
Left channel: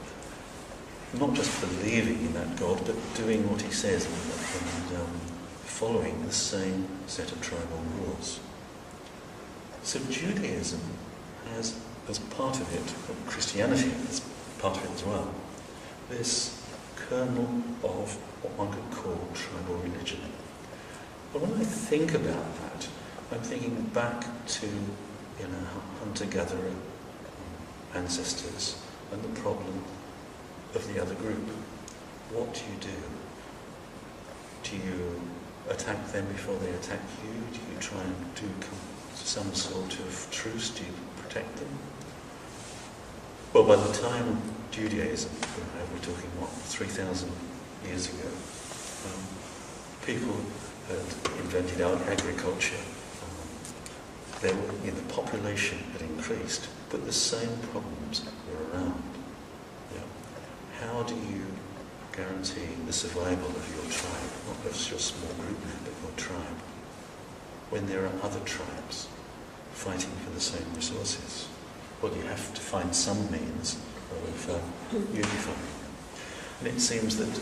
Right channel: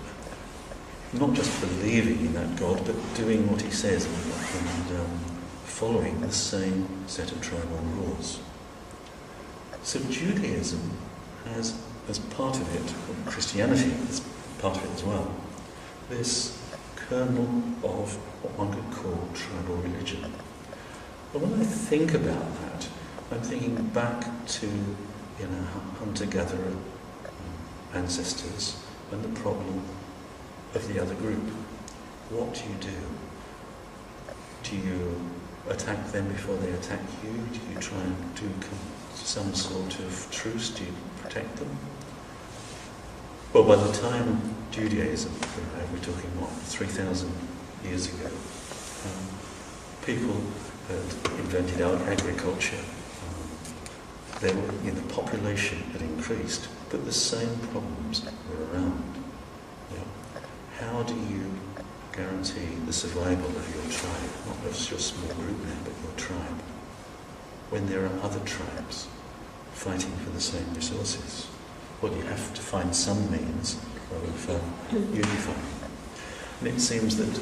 Not just believing in that God, but doing what he says and following the same set of tribal rules. So Judaism has, as part of it, or Christianity as part of it as well, this kernel of what one could call tribal religion. But when I think about that, I'm thinking back to hunter-gatherer ancestors and the problem of the other group. What do you do? Do you attack them before they attack you? Do you try and do some sort of truce? Do you protect them? Well, by the time Judaism, we're talking 3,000 years ago, people had invented agriculture. The population had increased, but the same problems were around. Yeah. How do you guarantee the survival of your tribe, not just your small group now, but your tribe, when there are other tribes fighting for the same resources? well, you have to find some means of unifying. And it seems that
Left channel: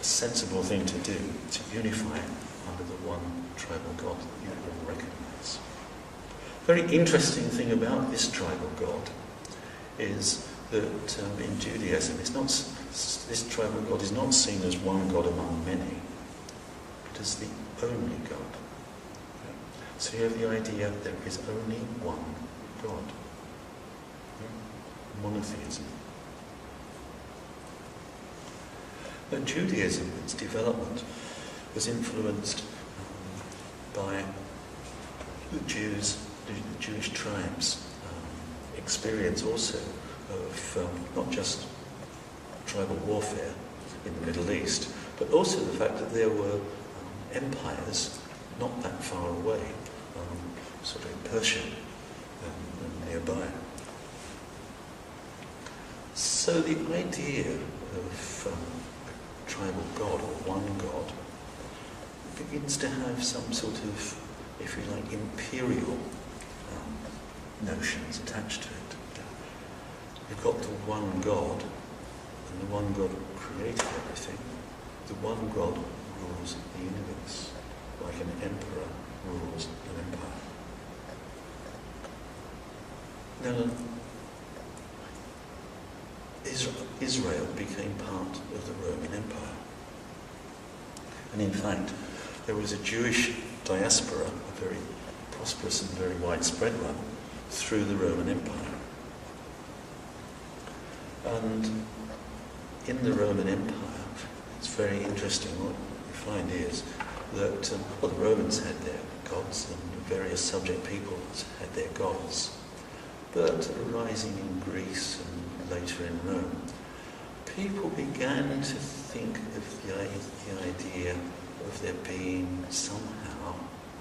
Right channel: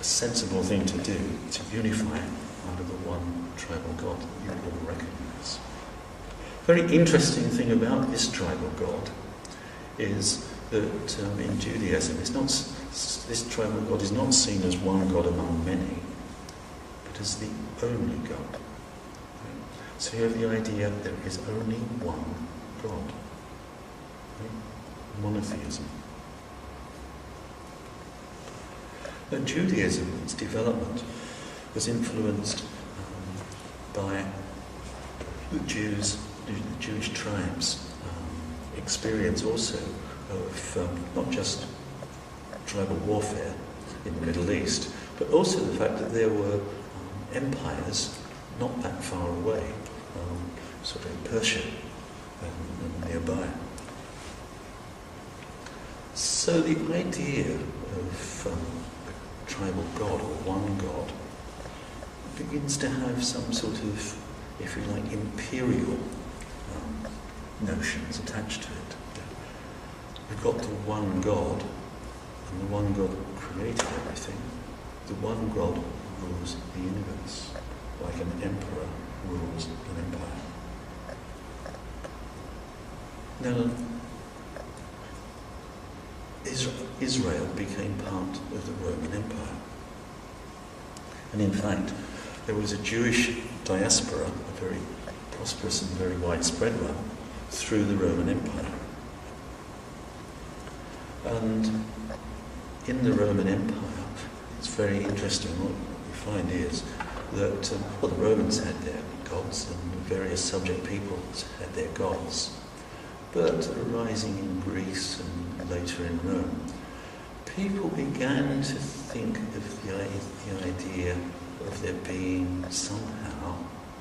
a sensible thing to do is to unify under the one tribal God that you all recognise. Very interesting thing about this tribal God is that in Judaism, this tribal God is not seen as one God among many, but as the only God. Yeah? So you have the idea that there is only one God. Yeah? Monotheism. Now, Judaism, its development, was influenced by the Jewish tribes' experience also of not just tribal warfare in the Middle East, but also the fact that there were empires not that far away, sort of in Persia and nearby. So the idea of a tribal god or one god begins to have some sort of, if you like, imperial notions attached to it. You've got the one God, and the one God created everything. The one God rules the universe, like an emperor rules an empire. Now, Israel became part of the Roman Empire. And in fact, there was a Jewish diaspora, a very prosperous and very widespread one, through the Roman Empire. And in the Roman Empire, it's very interesting. What you find is that, the Romans had their gods and various subject peoples had their gods. But arising in Greece and later in Rome, people began to think of the idea of there being somehow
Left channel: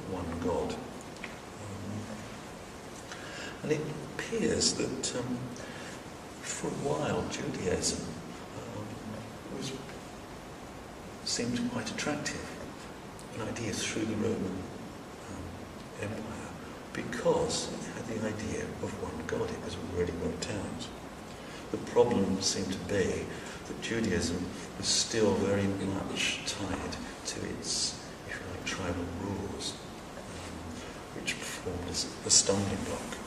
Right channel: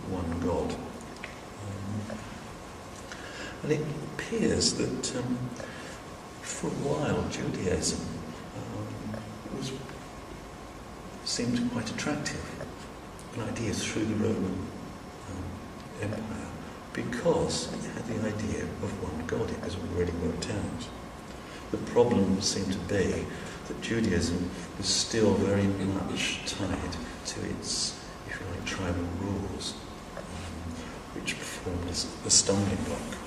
one God. And it appears that for a while Judaism seemed quite attractive, an idea through the Roman Empire, because it had the idea of one God. It was already worked out. The problem seemed to be that Judaism was still very much tied to its, if you like, tribal rules, which formed a stumbling block.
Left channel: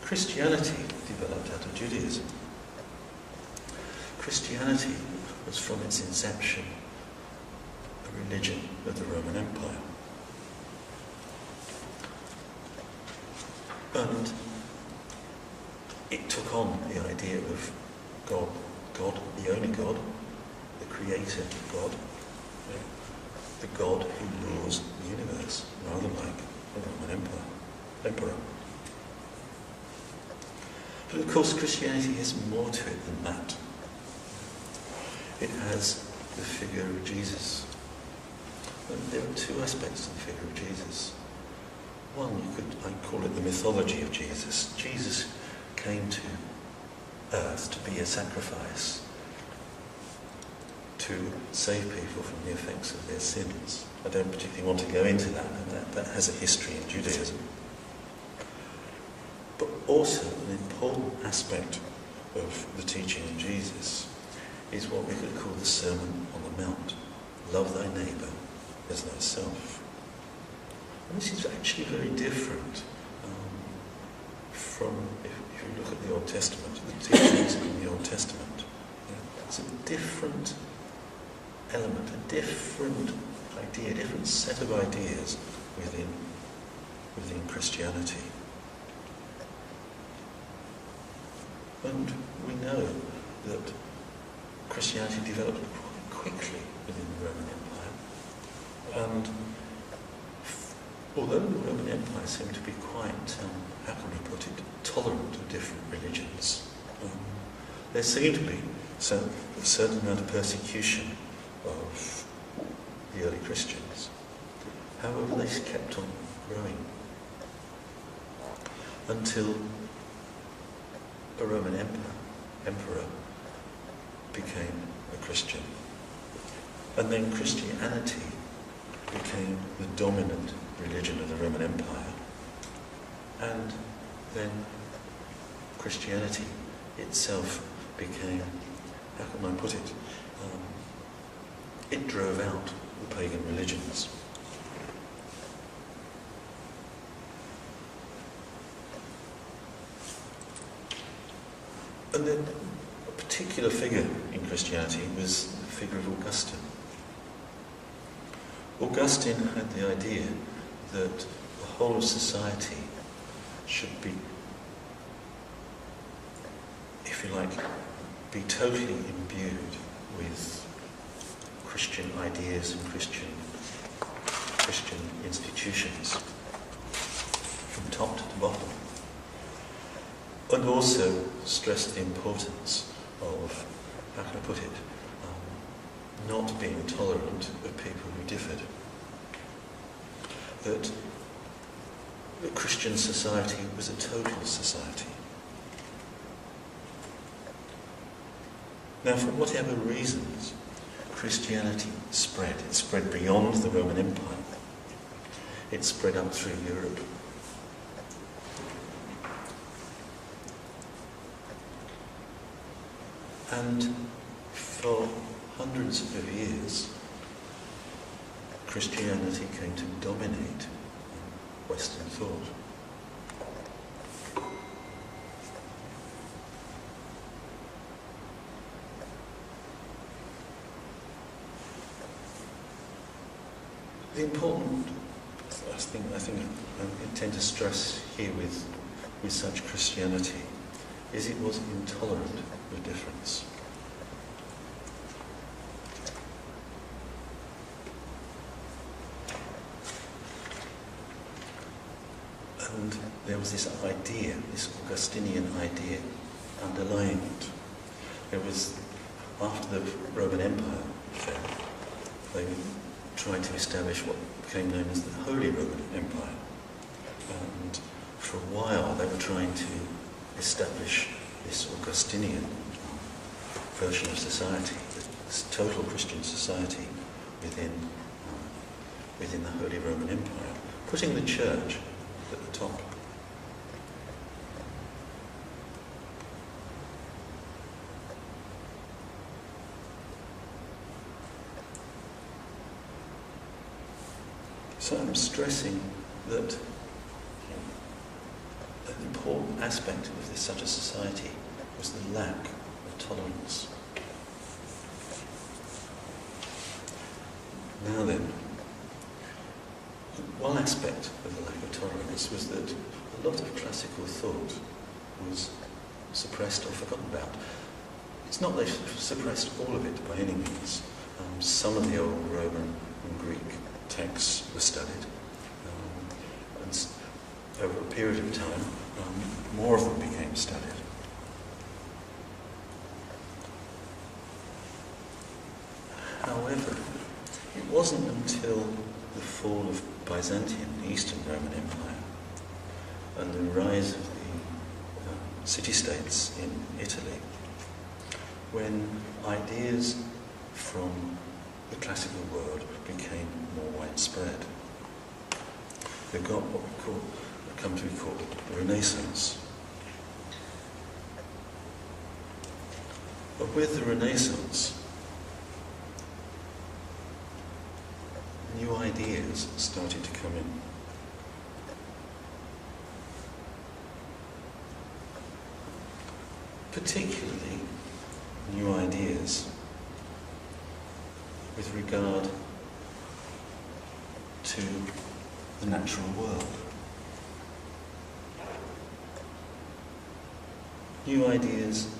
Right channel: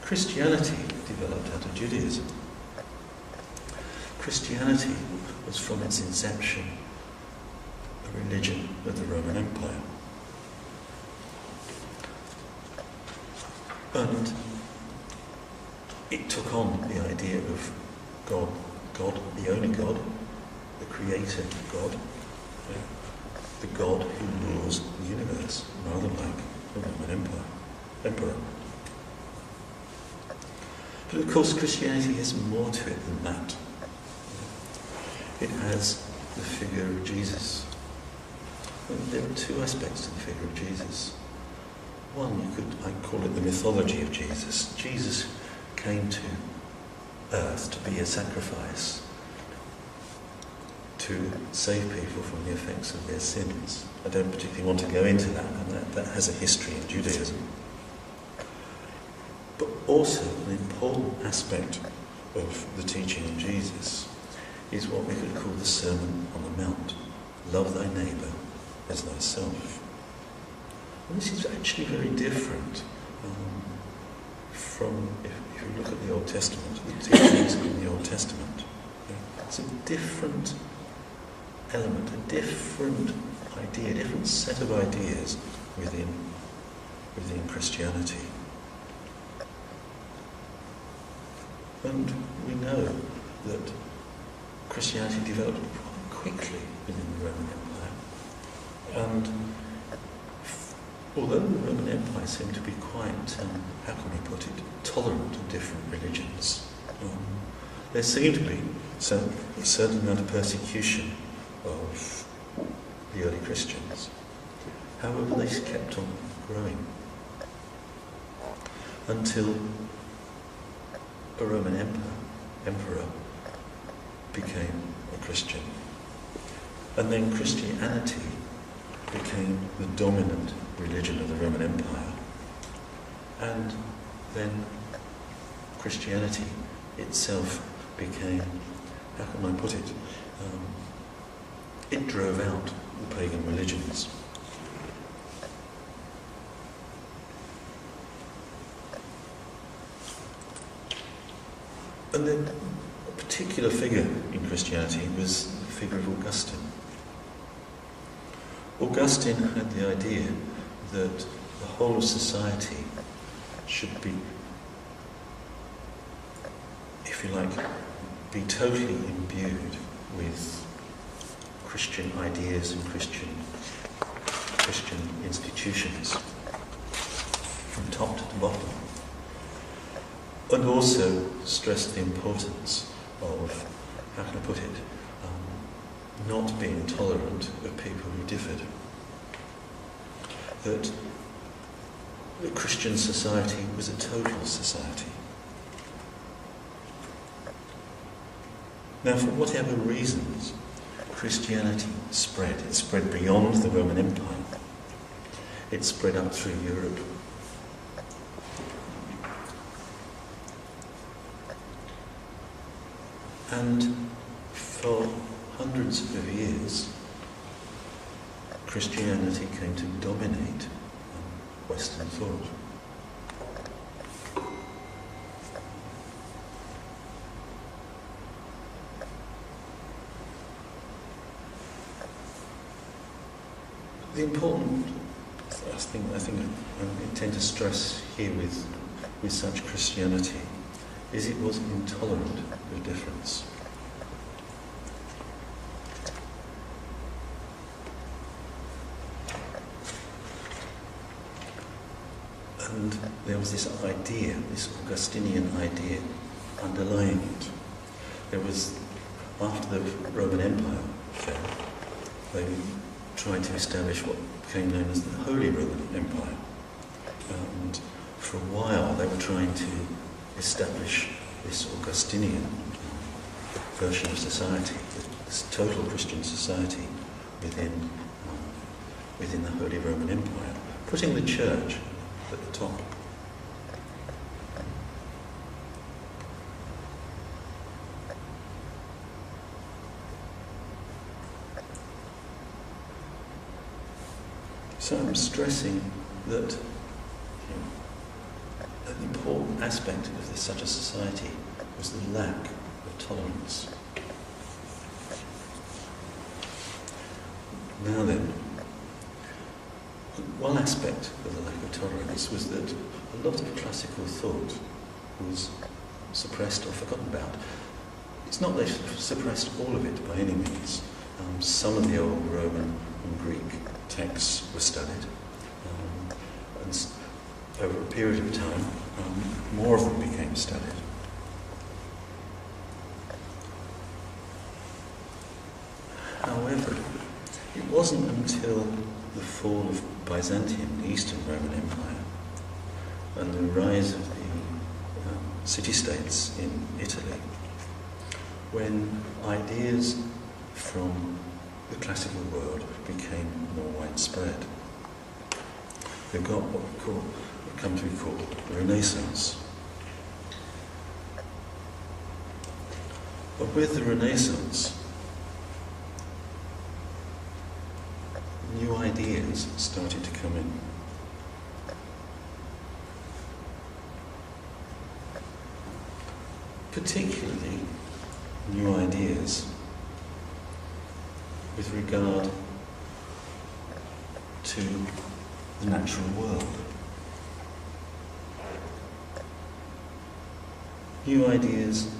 Christianity developed out of Judaism. Christianity was from its inception a religion of the Roman Empire. And it took on the idea of God, the only God, the creator God, the God who rules the universe, rather like the Roman emperor. But of course Christianity has more to it than that. It has the figure of Jesus. And there are two aspects to the figure of Jesus. One, I call it the mythology of Jesus. Jesus came to earth to be a sacrifice, to save people from the effects of their sins. I don't particularly want to go into that, and that has a history in Judaism. But also an important aspect of the teaching of Jesus is what we could call the Sermon on the Mount. Love thy neighbour as thyself. And this is actually very different from, if you look at the Old Testament, the teachings in the Old Testament. It's a different element, a different idea, a different set of ideas within Christianity. And we know that Christianity developed quite quickly within the Roman Empire. And although the Roman Empire seemed to be quite, how can we put it, tolerant of different religions, there seemed to be a certain amount of persecution of the early Christians. However, they kept on growing until a Roman emperor became a Christian. And then Christianity became the dominant religion of the Roman Empire. And then Christianity itself became, how can I put it, it drove out the pagan religions. And then a particular figure in Christianity was the figure of Augustine. Augustine had the idea that the whole of society should be, if you like, be totally imbued with Christian ideas and Christian institutions from top to bottom. And also stressed the importance of, how can I put it, not being tolerant of people who differed. That the Christian society was a total society. Now, for whatever reasons, Christianity spread. It spread beyond the Roman Empire. It spread up through Europe. And for hundreds of years, Christianity came to dominate Western thought. The important, I think I intend to stress here with such Christianity, is it was intolerant of difference. And there was this idea, this Augustinian idea, underlying it. There was, after the Roman Empire fell, they tried to establish what became known as the Holy Roman Empire. And for a while they were trying to establish this Augustinian version of society, this total Christian society within the Holy Roman Empire, putting the church at the top. So I'm stressing that an important aspect of such a society was the lack of tolerance. Now then, one aspect of the lack of tolerance was that a lot of classical thought was suppressed or forgotten about. It's not that they suppressed all of it by any means. Some of the old Roman and Greek texts were studied, and over a period of time, more of them became studied. However, it wasn't until the fall of Byzantium, the Eastern Roman Empire, and the rise of the city-states in Italy, when ideas from the classical world became more widespread. We've got what would come to be called the Renaissance. But with the Renaissance, new ideas started to come in. Particularly new ideas with regard to the natural world. New ideas,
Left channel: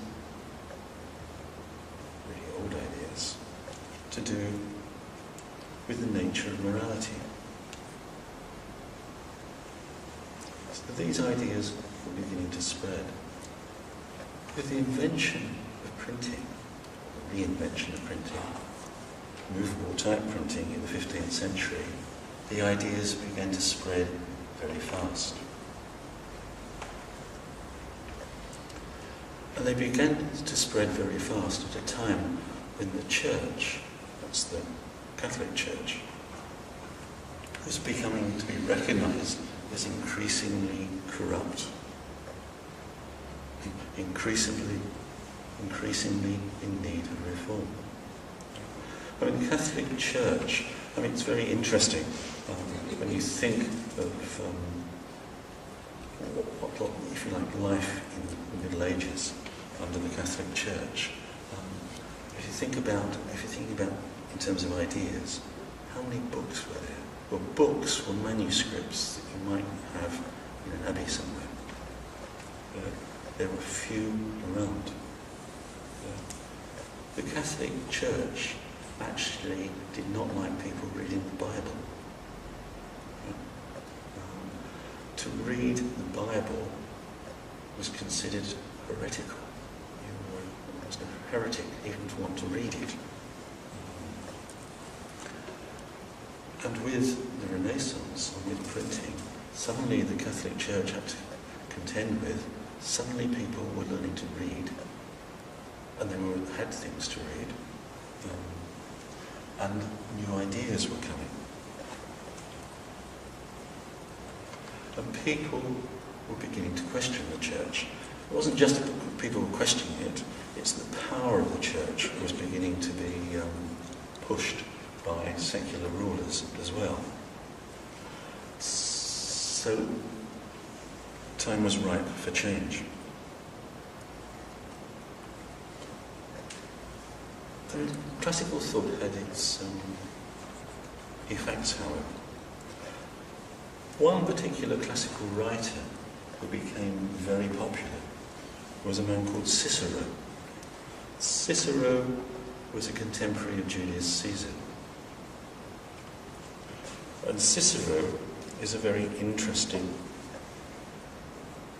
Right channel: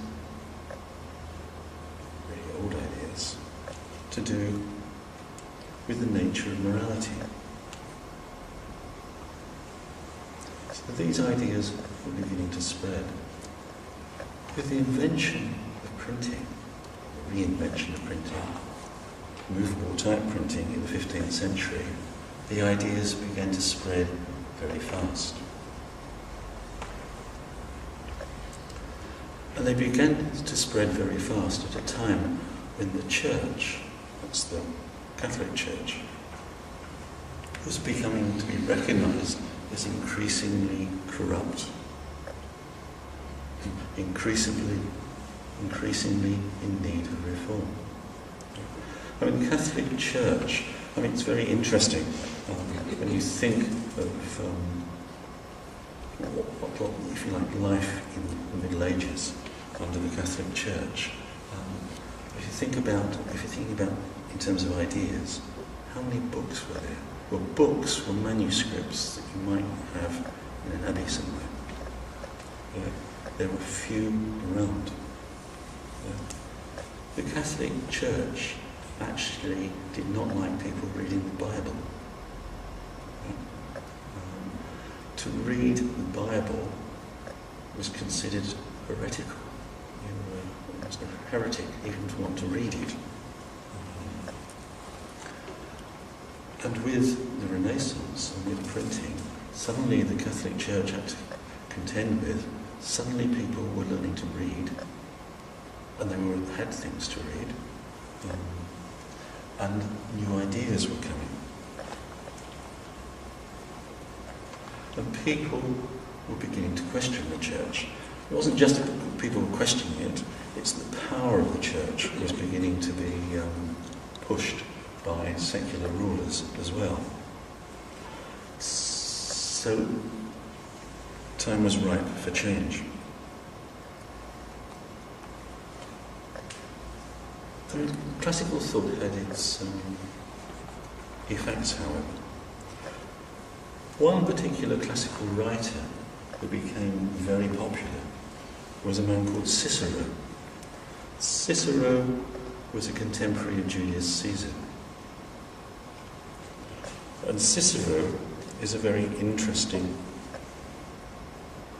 really old ideas, to do with the nature of morality. So these ideas were beginning to spread. With the invention of printing, or the reinvention of printing, movable type printing in the 15th century, the ideas began to spread very fast. And they began to spread very fast at a time when the church, that's the Catholic Church, was becoming to be recognised as increasingly corrupt increasingly in need of reform. I mean, the Catholic Church, I mean, it's very interesting when you think of what, if you like, life in the Middle Ages under the Catholic Church. If you're thinking about in terms of ideas, how many books were there? Well, books were manuscripts that you might have in an abbey somewhere. There were few around. The Catholic Church actually did not like people reading the Bible. To read the Bible was considered heretical. You were almost a heretic even to want to read it. And with the Renaissance and with printing, suddenly the Catholic Church had to contend with, suddenly people were learning to read, and they had things to read, and new ideas were coming. And people were beginning to question the church. It wasn't just that people were questioning it, it's the power of the church was beginning to be pushed by secular rulers as well. So, time was ripe for change. And classical thought had its effects, however. One particular classical writer who became very popular was a man called Cicero. Cicero was a contemporary of Julius Caesar. And Cicero is a very interesting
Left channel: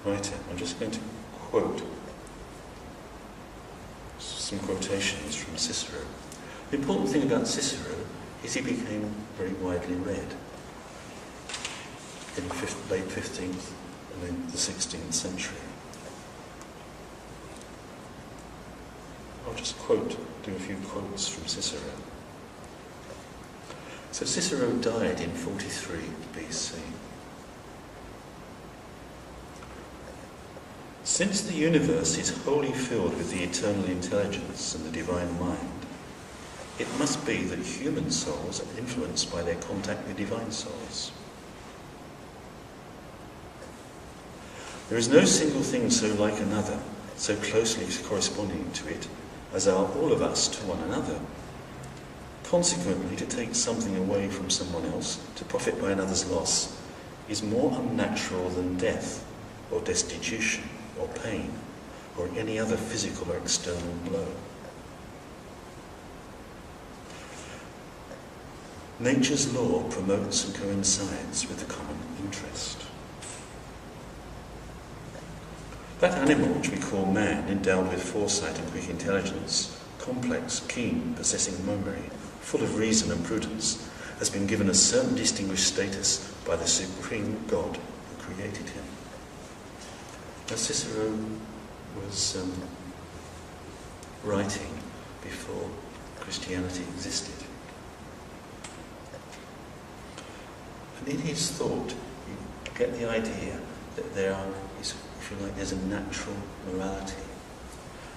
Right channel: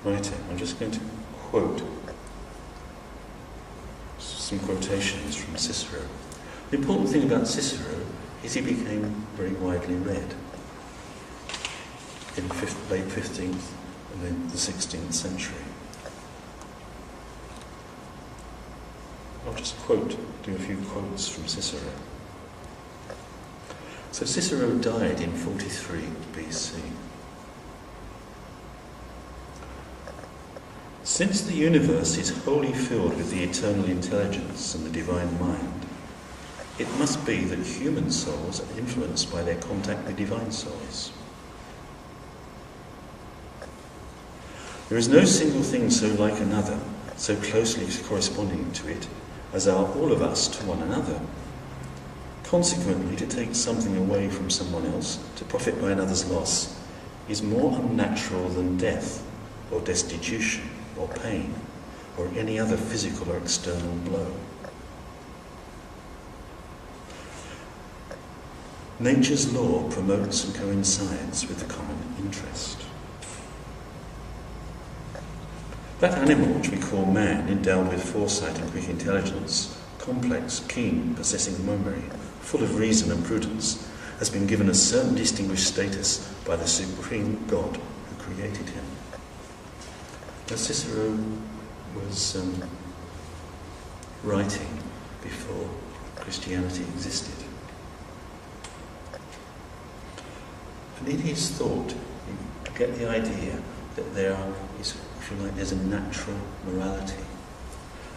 writer. I'm just going to quote some quotations from Cicero. The important thing about Cicero is he became very widely read in late 15th and then the 16th century. I'll just do a few quotes from Cicero. So Cicero died in 43 BC. Since the universe is wholly filled with the eternal intelligence and the divine mind, it must be that human souls are influenced by their contact with divine souls. There is no single thing so like another, so closely corresponding to it, as are all of us to one another. Consequently, to take something away from someone else, to profit by another's loss, is more unnatural than death, or destitution, or pain, or any other physical or external blow. Nature's law promotes and coincides with the common interest. That animal which we call man, endowed with foresight and quick intelligence, complex, keen, possessing memory, full of reason and prudence, has been given a certain distinguished status by the supreme God who created him. Now Cicero was writing before Christianity existed. And in his thought, you get the idea that there's a natural morality.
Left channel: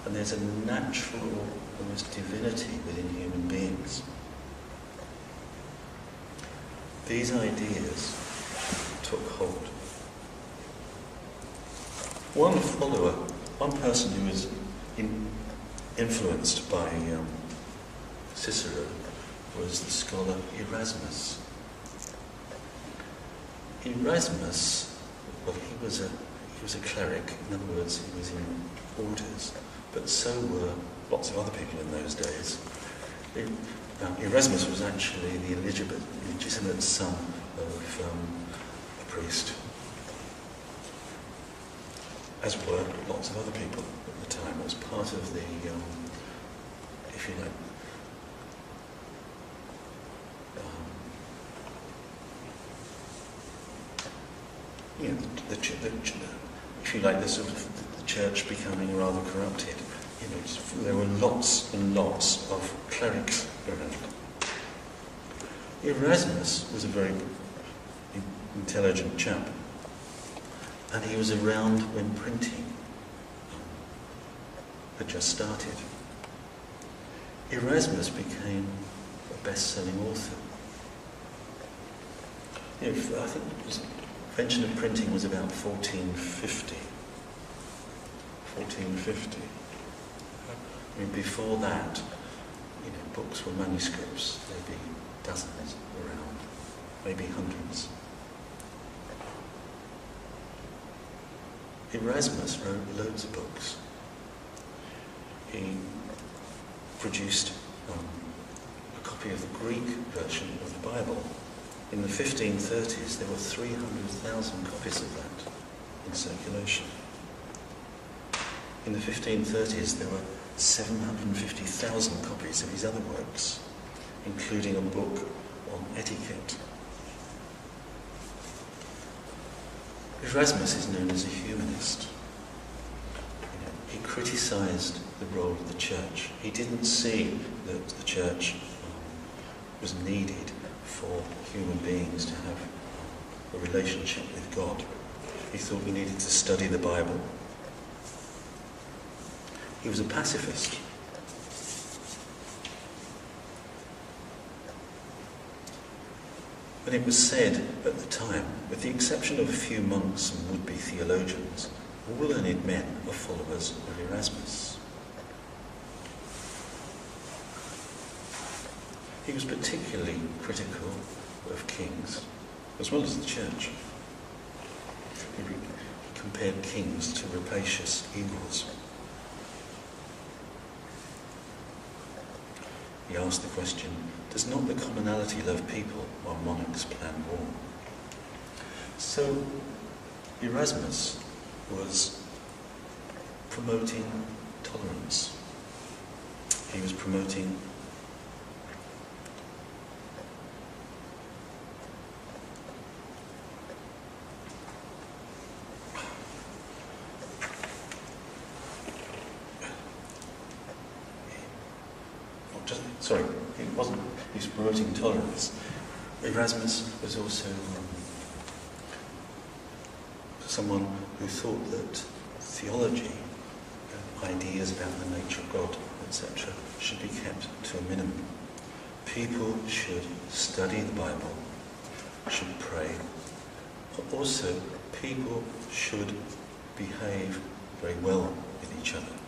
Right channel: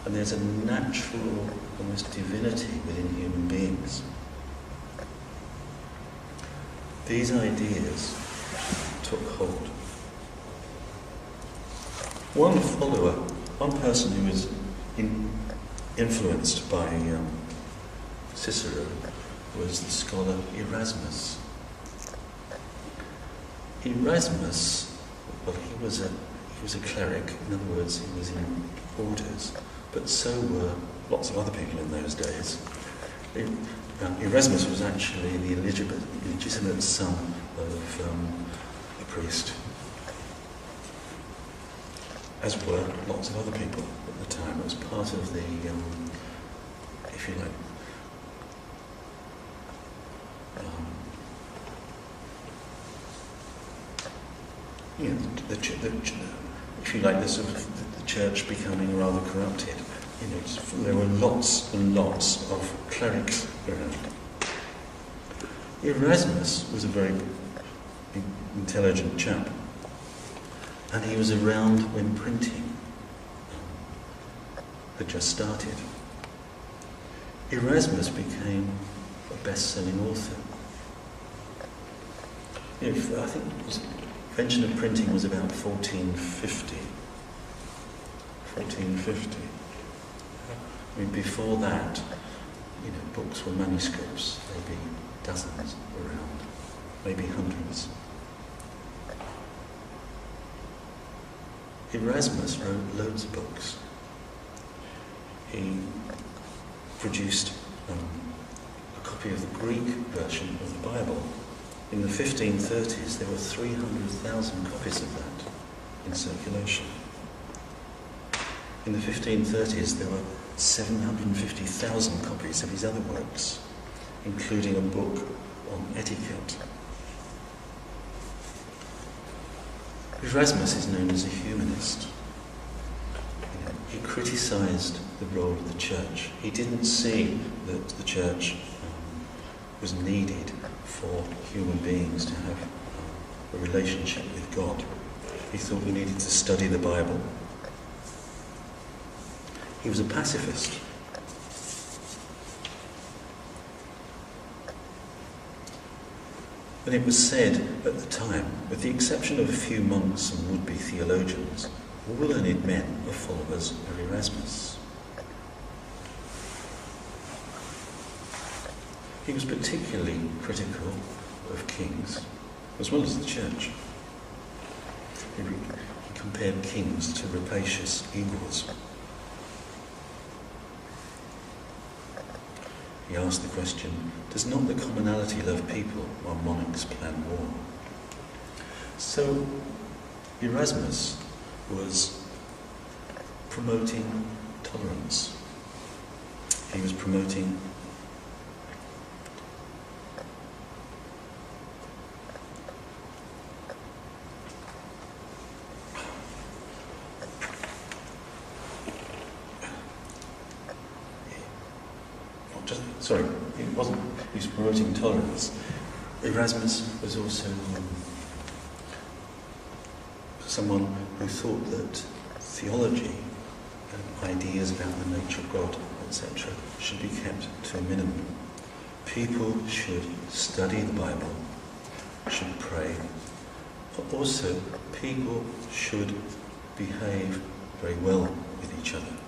And there's a natural, almost divinity within human beings. These ideas took hold. One person who was influenced by Cicero was the scholar Erasmus. Erasmus, well, he was a cleric. In other words, he was in orders, but so were lots of other people in those days. Erasmus was actually the legitimate son of a priest, as were lots of other people at the time. It was part of the, if you like, if you like, the sort of the church becoming rather corrupted. There were lots and lots of clerics around. Erasmus was a very intelligent chap, and he was around when printing had just started. Erasmus became a best-selling author. I think invention of printing was about 1450. 1450. I mean, before that, books were manuscripts. There'd be dozens around, maybe hundreds. Erasmus wrote loads of books. He produced a copy of the Greek version of the Bible. In the 1530s, there were 300,000 copies of that in circulation. In the 1530s, there were 750,000 copies of his other works, including a book on etiquette. Erasmus is known as a humanist. He criticised the role of the church. He didn't see that the church was needed for human beings to have a relationship with God. He thought we needed to study the Bible. He was a pacifist. And it was said at the time, with the exception of a few monks and would-be theologians, all learned men are followers of Erasmus. He was particularly critical of kings, as well as the church. He compared kings to rapacious eagles. He asked the question, does not the commonalty love people while monarchs plan war? So Erasmus was promoting tolerance. He was promoting he was promoting tolerance. Erasmus was also someone who thought that theology and ideas about the nature of God, etc., should be kept to a minimum. People should study the Bible, should pray, but also people should behave very well with each other.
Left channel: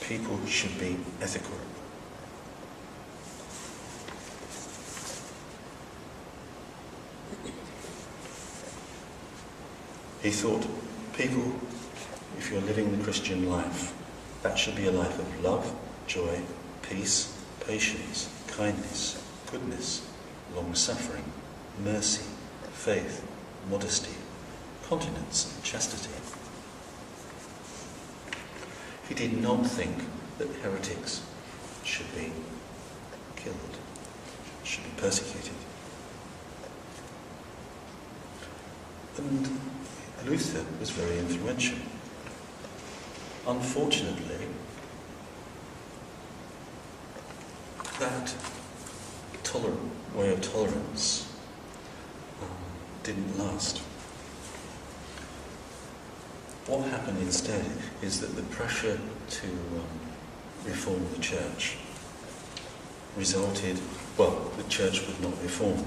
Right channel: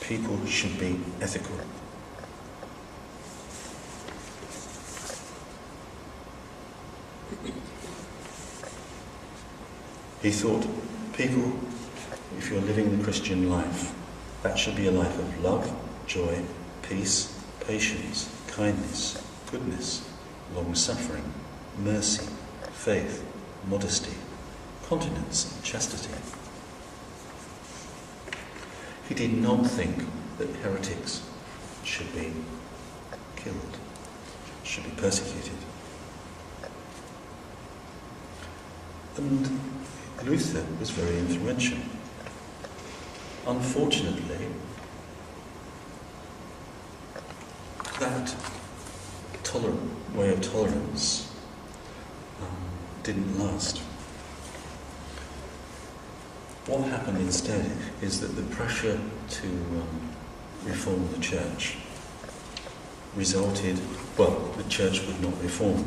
People should be ethical. He thought, people, if you're living the Christian life, that should be a life of love, joy, peace, patience, kindness, goodness, long-suffering, mercy, faith, modesty, continence, and chastity. He did not think that heretics should be killed, should be persecuted. And Luther was very influential. Unfortunately, that way of tolerance didn't last. What happened instead is that the pressure to reform the church resulted, the church would not reform.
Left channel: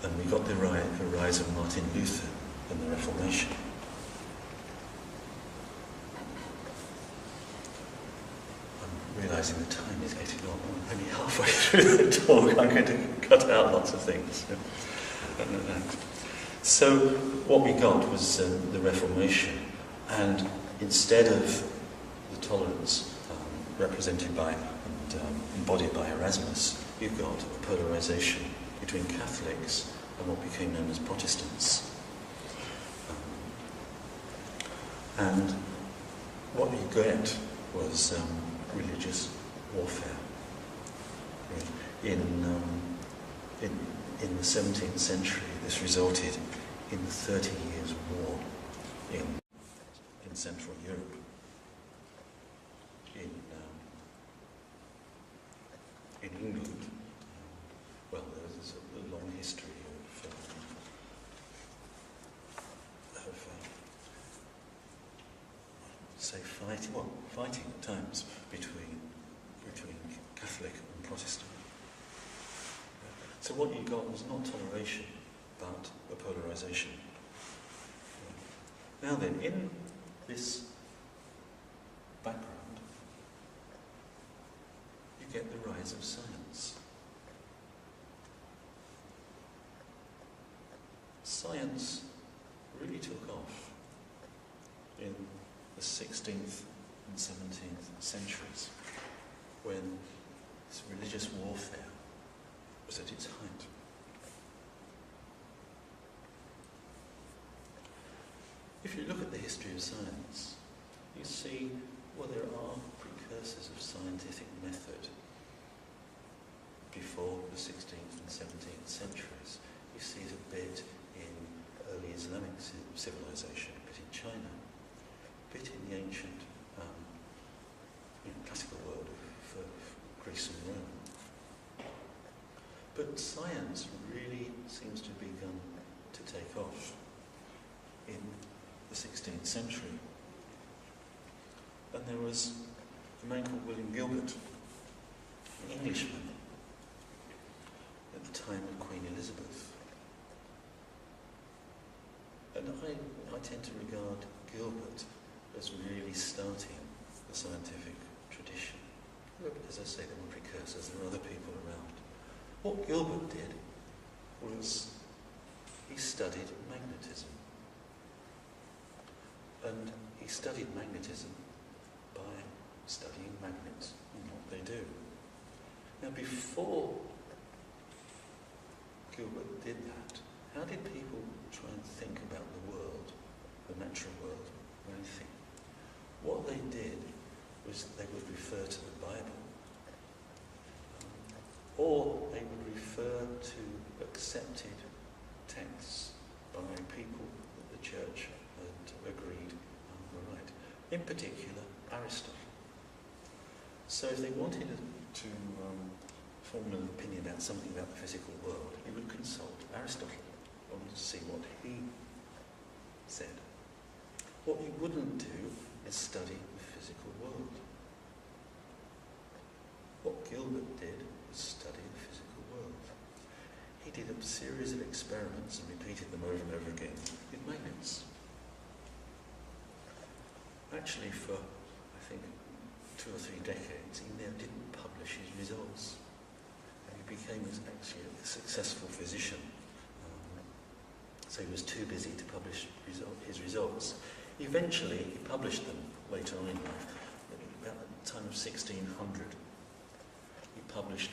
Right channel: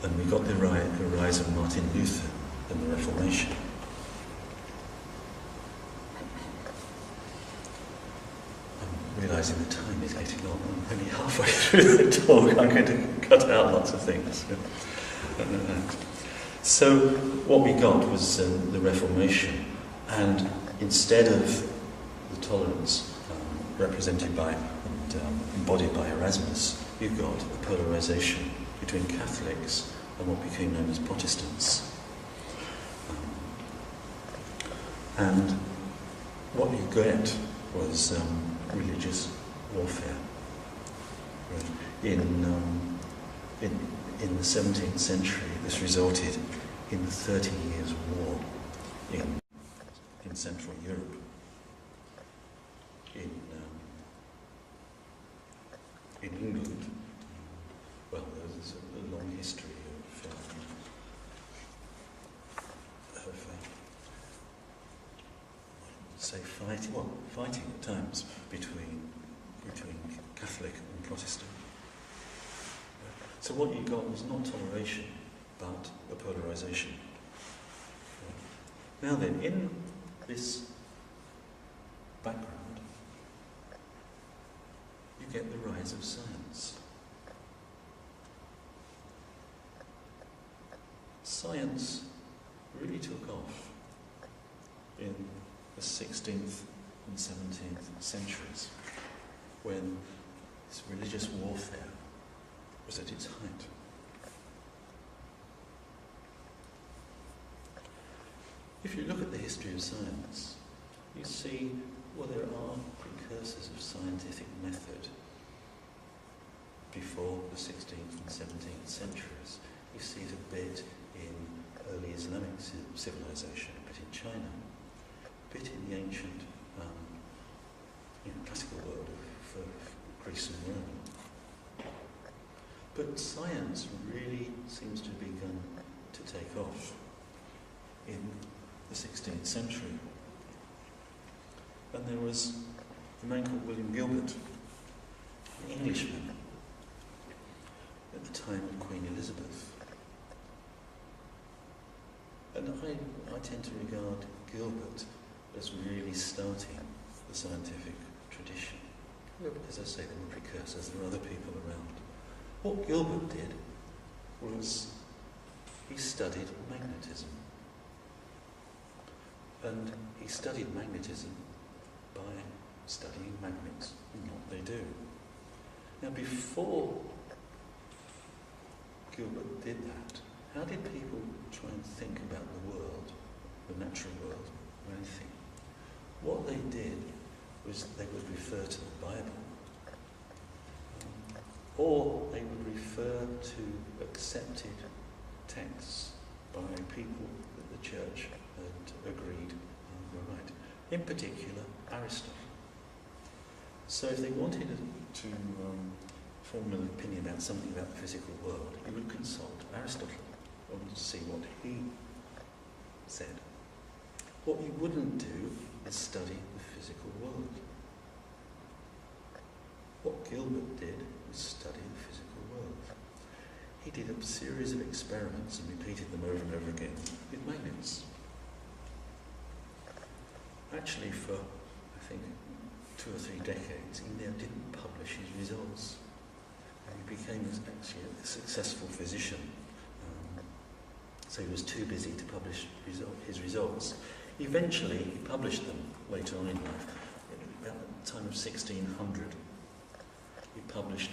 And we got the rise of Martin Luther and the Reformation. I'm realising the time is getting on. I'm only halfway through the talk. I'm going to cut out lots of things. So what we got was the Reformation, and instead of the tolerance represented by and embodied by Erasmus, you've got a polarisation between Catholics and what became known as Protestants. And what you get was religious warfare. In the 17th century, this resulted in the 30 Years' War in Central Europe. In England, there's a long history of say, fighting at times between Catholic and Protestant. So what you got was not toleration, but a polarization. Now then, in this background, you get the rise of science. Science really took off in the 16th and 17th centuries, when this religious warfare was at its height. If you look at the history of science, you see, well, there are precursors of scientific method before the 16th and 17th centuries. You see it a bit in early Islamic civilization, a bit in China, a bit in the ancient classical world of Greece and Rome. But science really seems to have begun to take off in the 16th century. And there was a man called William Gilbert, an Englishman, at the time of Queen Elizabeth. And I tend to regard Gilbert as really starting the scientific tradition. But as I say, there were precursors, there were other people around. What Gilbert did was he studied magnetism. And he studied magnetism by studying magnets and what they do. Now, before Gilbert did that, how did people try and think about the world, the natural world, or anything? What they did was they would refer to the Bible, or they would refer to accepted texts by people that the church had agreed were right. In particular, Aristotle. So if they wanted to form an opinion about something about the physical world, you would consult Aristotle to see what he said. What you wouldn't do is study the physical world. What Gilbert did was study the physical world. He did a series of experiments and repeated them over and over again with magnets. Actually, for, I think, 2 or 3 decades, he never didn't publish his results. And he became actually a successful physician. So he was too busy to publish his results. Eventually, he published them later on in life. About the time of 1600, he published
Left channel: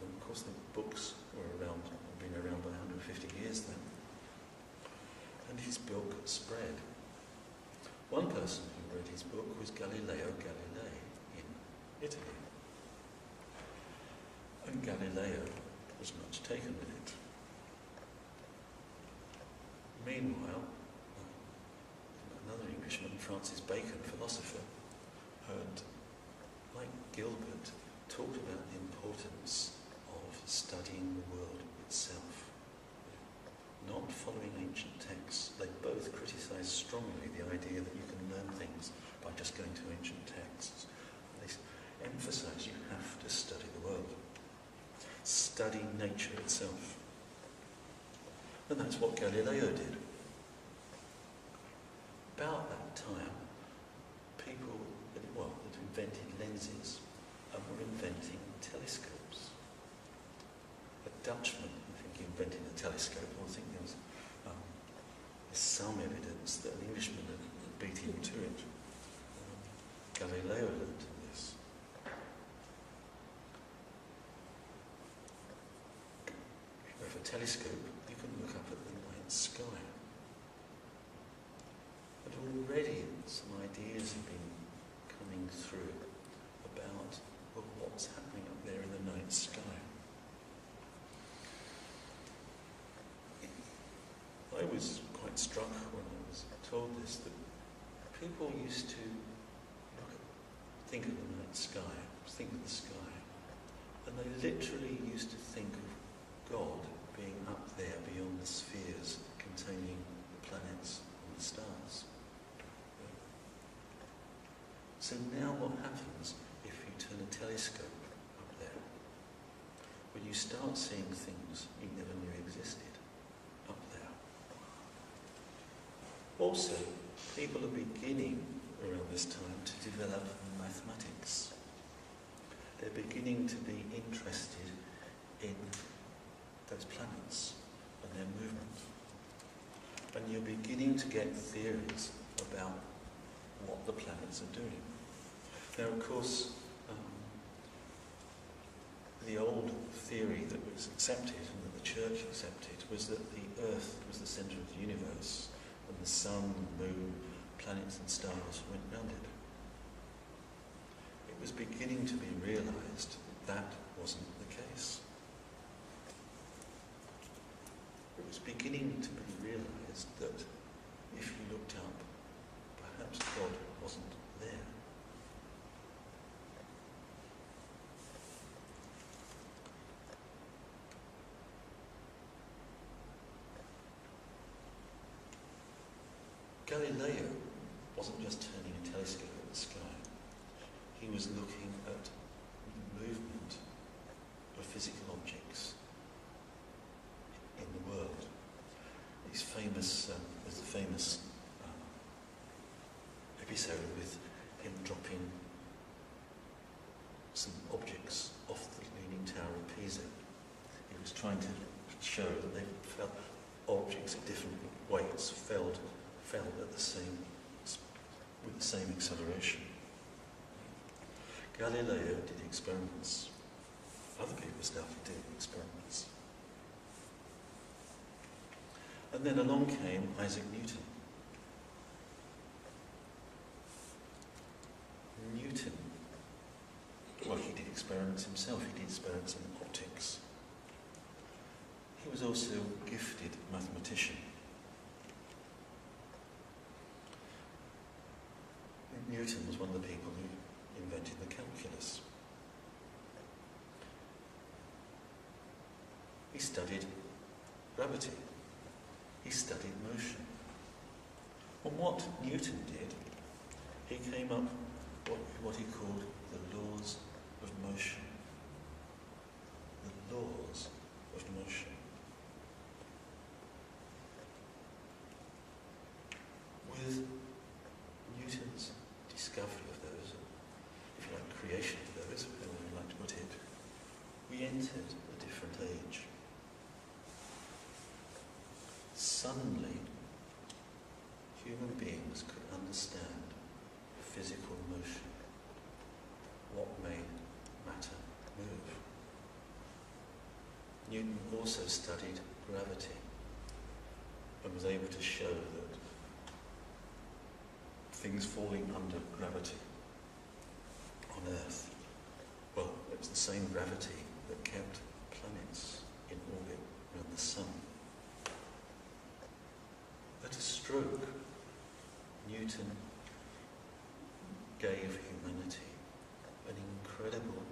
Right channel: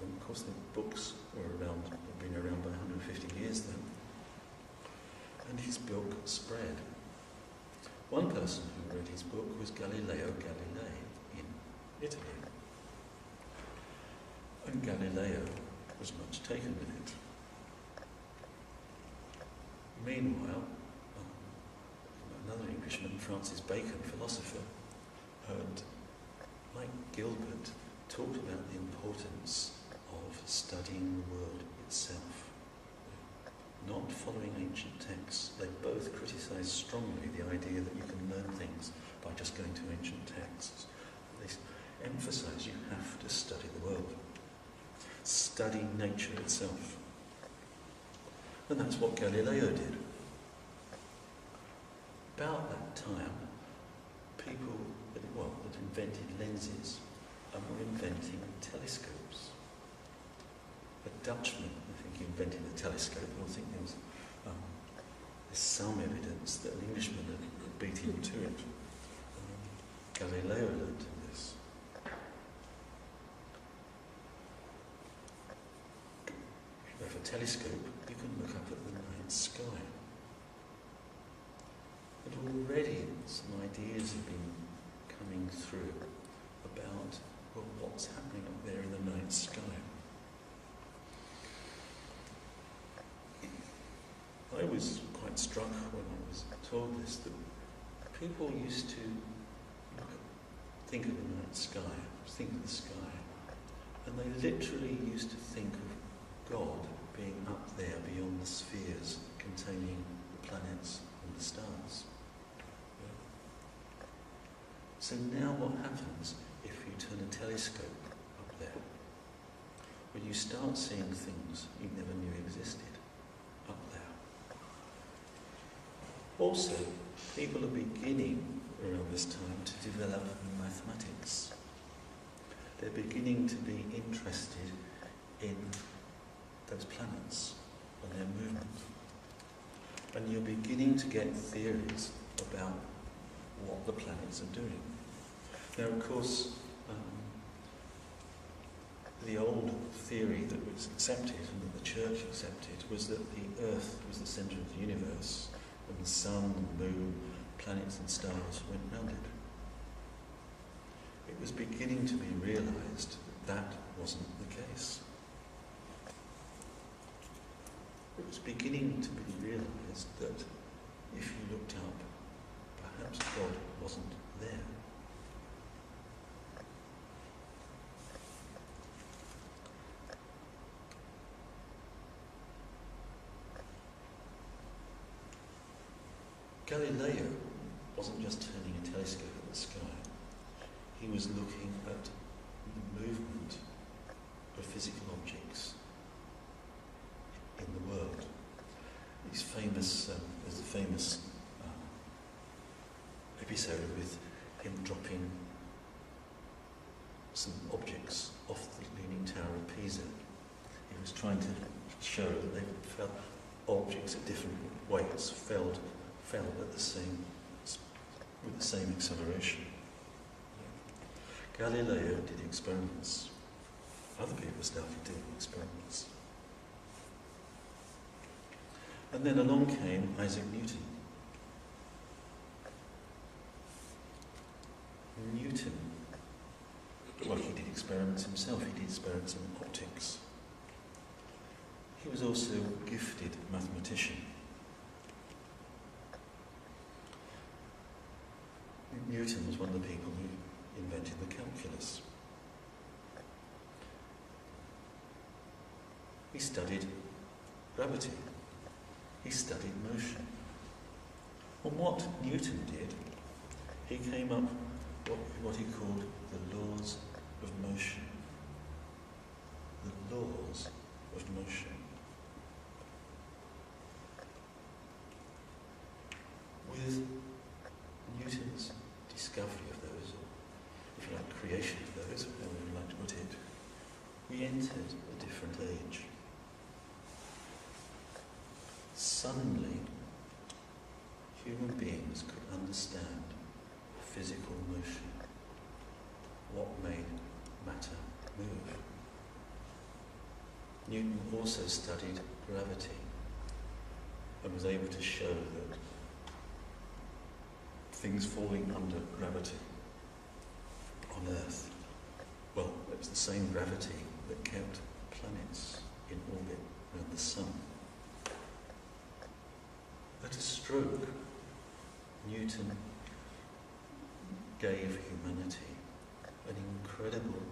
them. Of course, the books were around, had been around by 150 years then. And his book spread. One person who read his book was Galileo Galilei in Italy. And Galileo was much taken with it. Meanwhile, another Englishman, Francis Bacon, philosopher, had, like Gilbert, talked about the importance of studying the world itself. Not following ancient texts. They both criticise strongly the idea that you can learn things by just going to ancient texts. They emphasise you have to study the world. Study nature itself. And that's what Galileo did. About that time, people had invented lenses and were inventing telescopes. A Dutchman, I think, invented the telescope. I think there's some evidence that an Englishman had beat him to it. Galileo learned this. If you have a telescope, you can look up at the night sky. And already some ideas have been coming through about what's happening up there in the night sky. I was quite struck when I was told this, that people used to think of the night sky, think of the sky, and they literally used to think of God being up there beyond the spheres containing the planets and the stars. So now what happens if you turn a telescope up there? Well, you start seeing things you never knew existed up there. Also, people are beginning around this time to develop mathematics. They're beginning to be interested in those planets and their movement. And you're beginning to get theories about what the planets are doing. Now, of course, the old theory that was accepted and that the church accepted was that the Earth was the centre of the universe and the sun and moon, planets and stars went round it. It was beginning to be realised that that wasn't the case. It was beginning to be realised that if you looked up, perhaps God wasn't there. Galileo wasn't just turning a telescope at the sky. He was looking at the movement of physical objects in the world. There's a famous episode with him dropping some objects off the Leaning Tower of Pisa. He was trying to show that they fell, objects at different weights fell at with the same acceleration. Galileo did experiments. Other people started doing experiments. And then along came Isaac Newton. Well, he did experiments himself. He did experiments in optics. He was also a gifted mathematician. Newton was one of the people who invented the calculus. He studied gravity. He studied motion. And what Newton did, he came up with what he called the laws of motion. The laws of motion. With Newton's discovery of those, or if you like, creation of those, however you like to put it, we entered a different age. Suddenly, human beings could understand physical motion, what made matter move. Newton also studied gravity and was able to show that things falling under gravity on Earth, well, it was the same gravity that kept planets in orbit around the sun. At a stroke, Newton gave humanity an incredible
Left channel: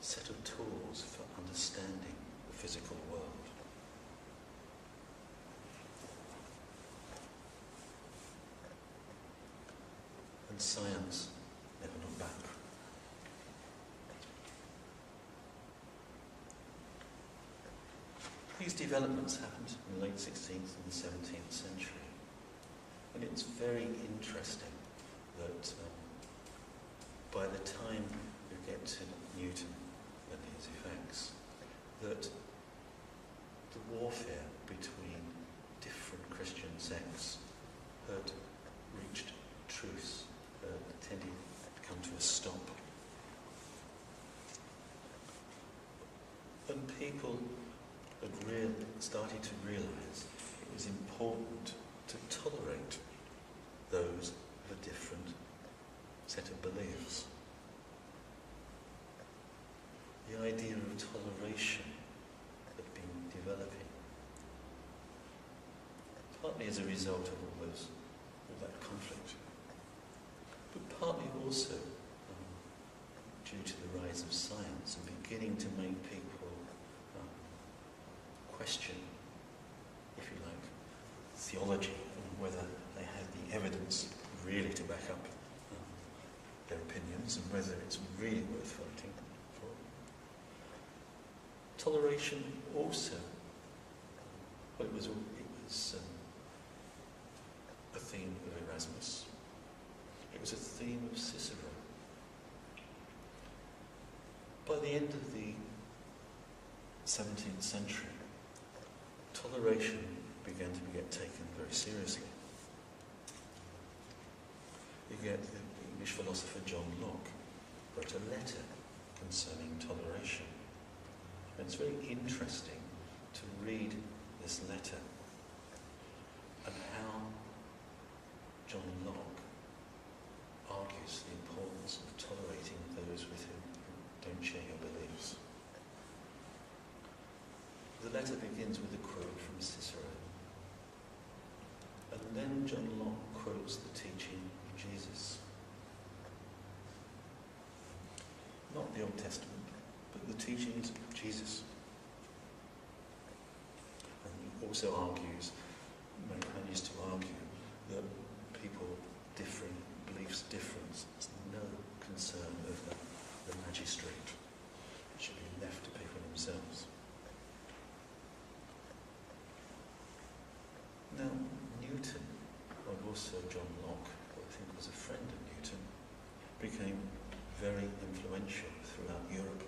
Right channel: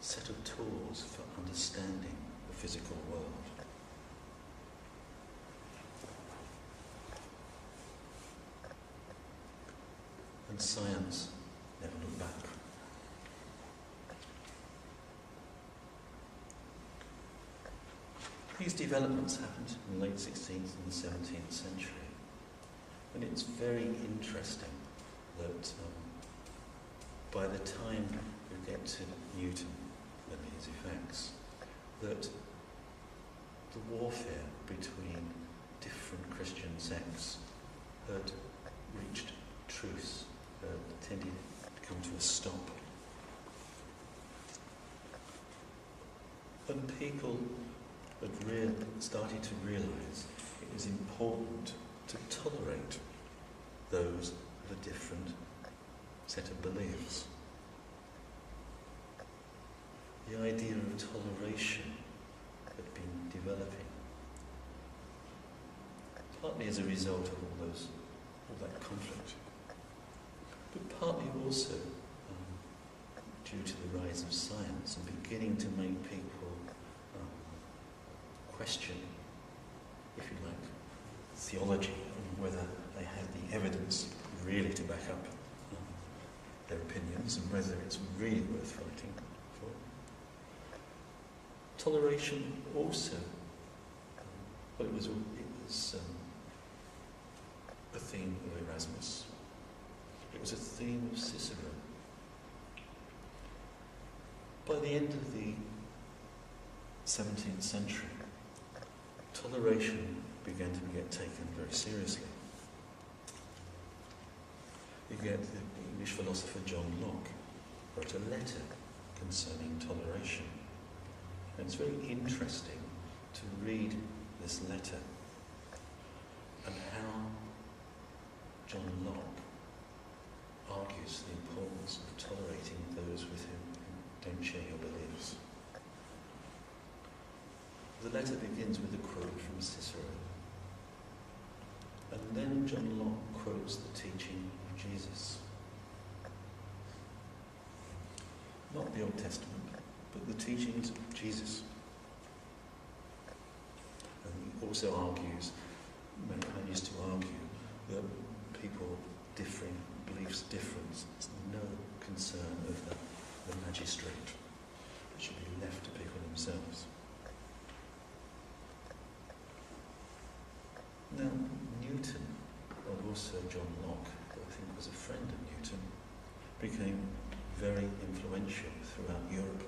set of tools for understanding the physical world. And science never looked back. These developments happened in the late 16th and the 17th century. And it's very interesting that by the time you get to Newton and his effects, that the warfare between different Christian sects had reached truce, tended to come to a stop. And people had started to realise it was important to tolerate those of a different set of beliefs. The idea of toleration had been developing, partly as a result of all that conflict, but partly also due to the rise of science and beginning to make people question, if you like, theology and whether they had the evidence really to back up depends on whether it's really worth fighting for. Toleration also, it was a theme of Erasmus. It was a theme of Cicero. By the end of the 17th century, toleration began to get taken very seriously. You get the English philosopher John Locke wrote a letter concerning toleration. And it's very interesting to read this letter and how John Locke argues the importance of tolerating those with whom you don't share your beliefs. The letter begins with a quote from Cicero. And then John Locke quotes the teaching of Jesus. Not the Old Testament, but the teachings of Jesus. And he also argues, manages to argue, that people differing, beliefs difference is no concern of the magistrate. It should be left to people themselves. Now, Newton, and also John Locke, who I think was a friend of Newton, became very influential throughout Europe.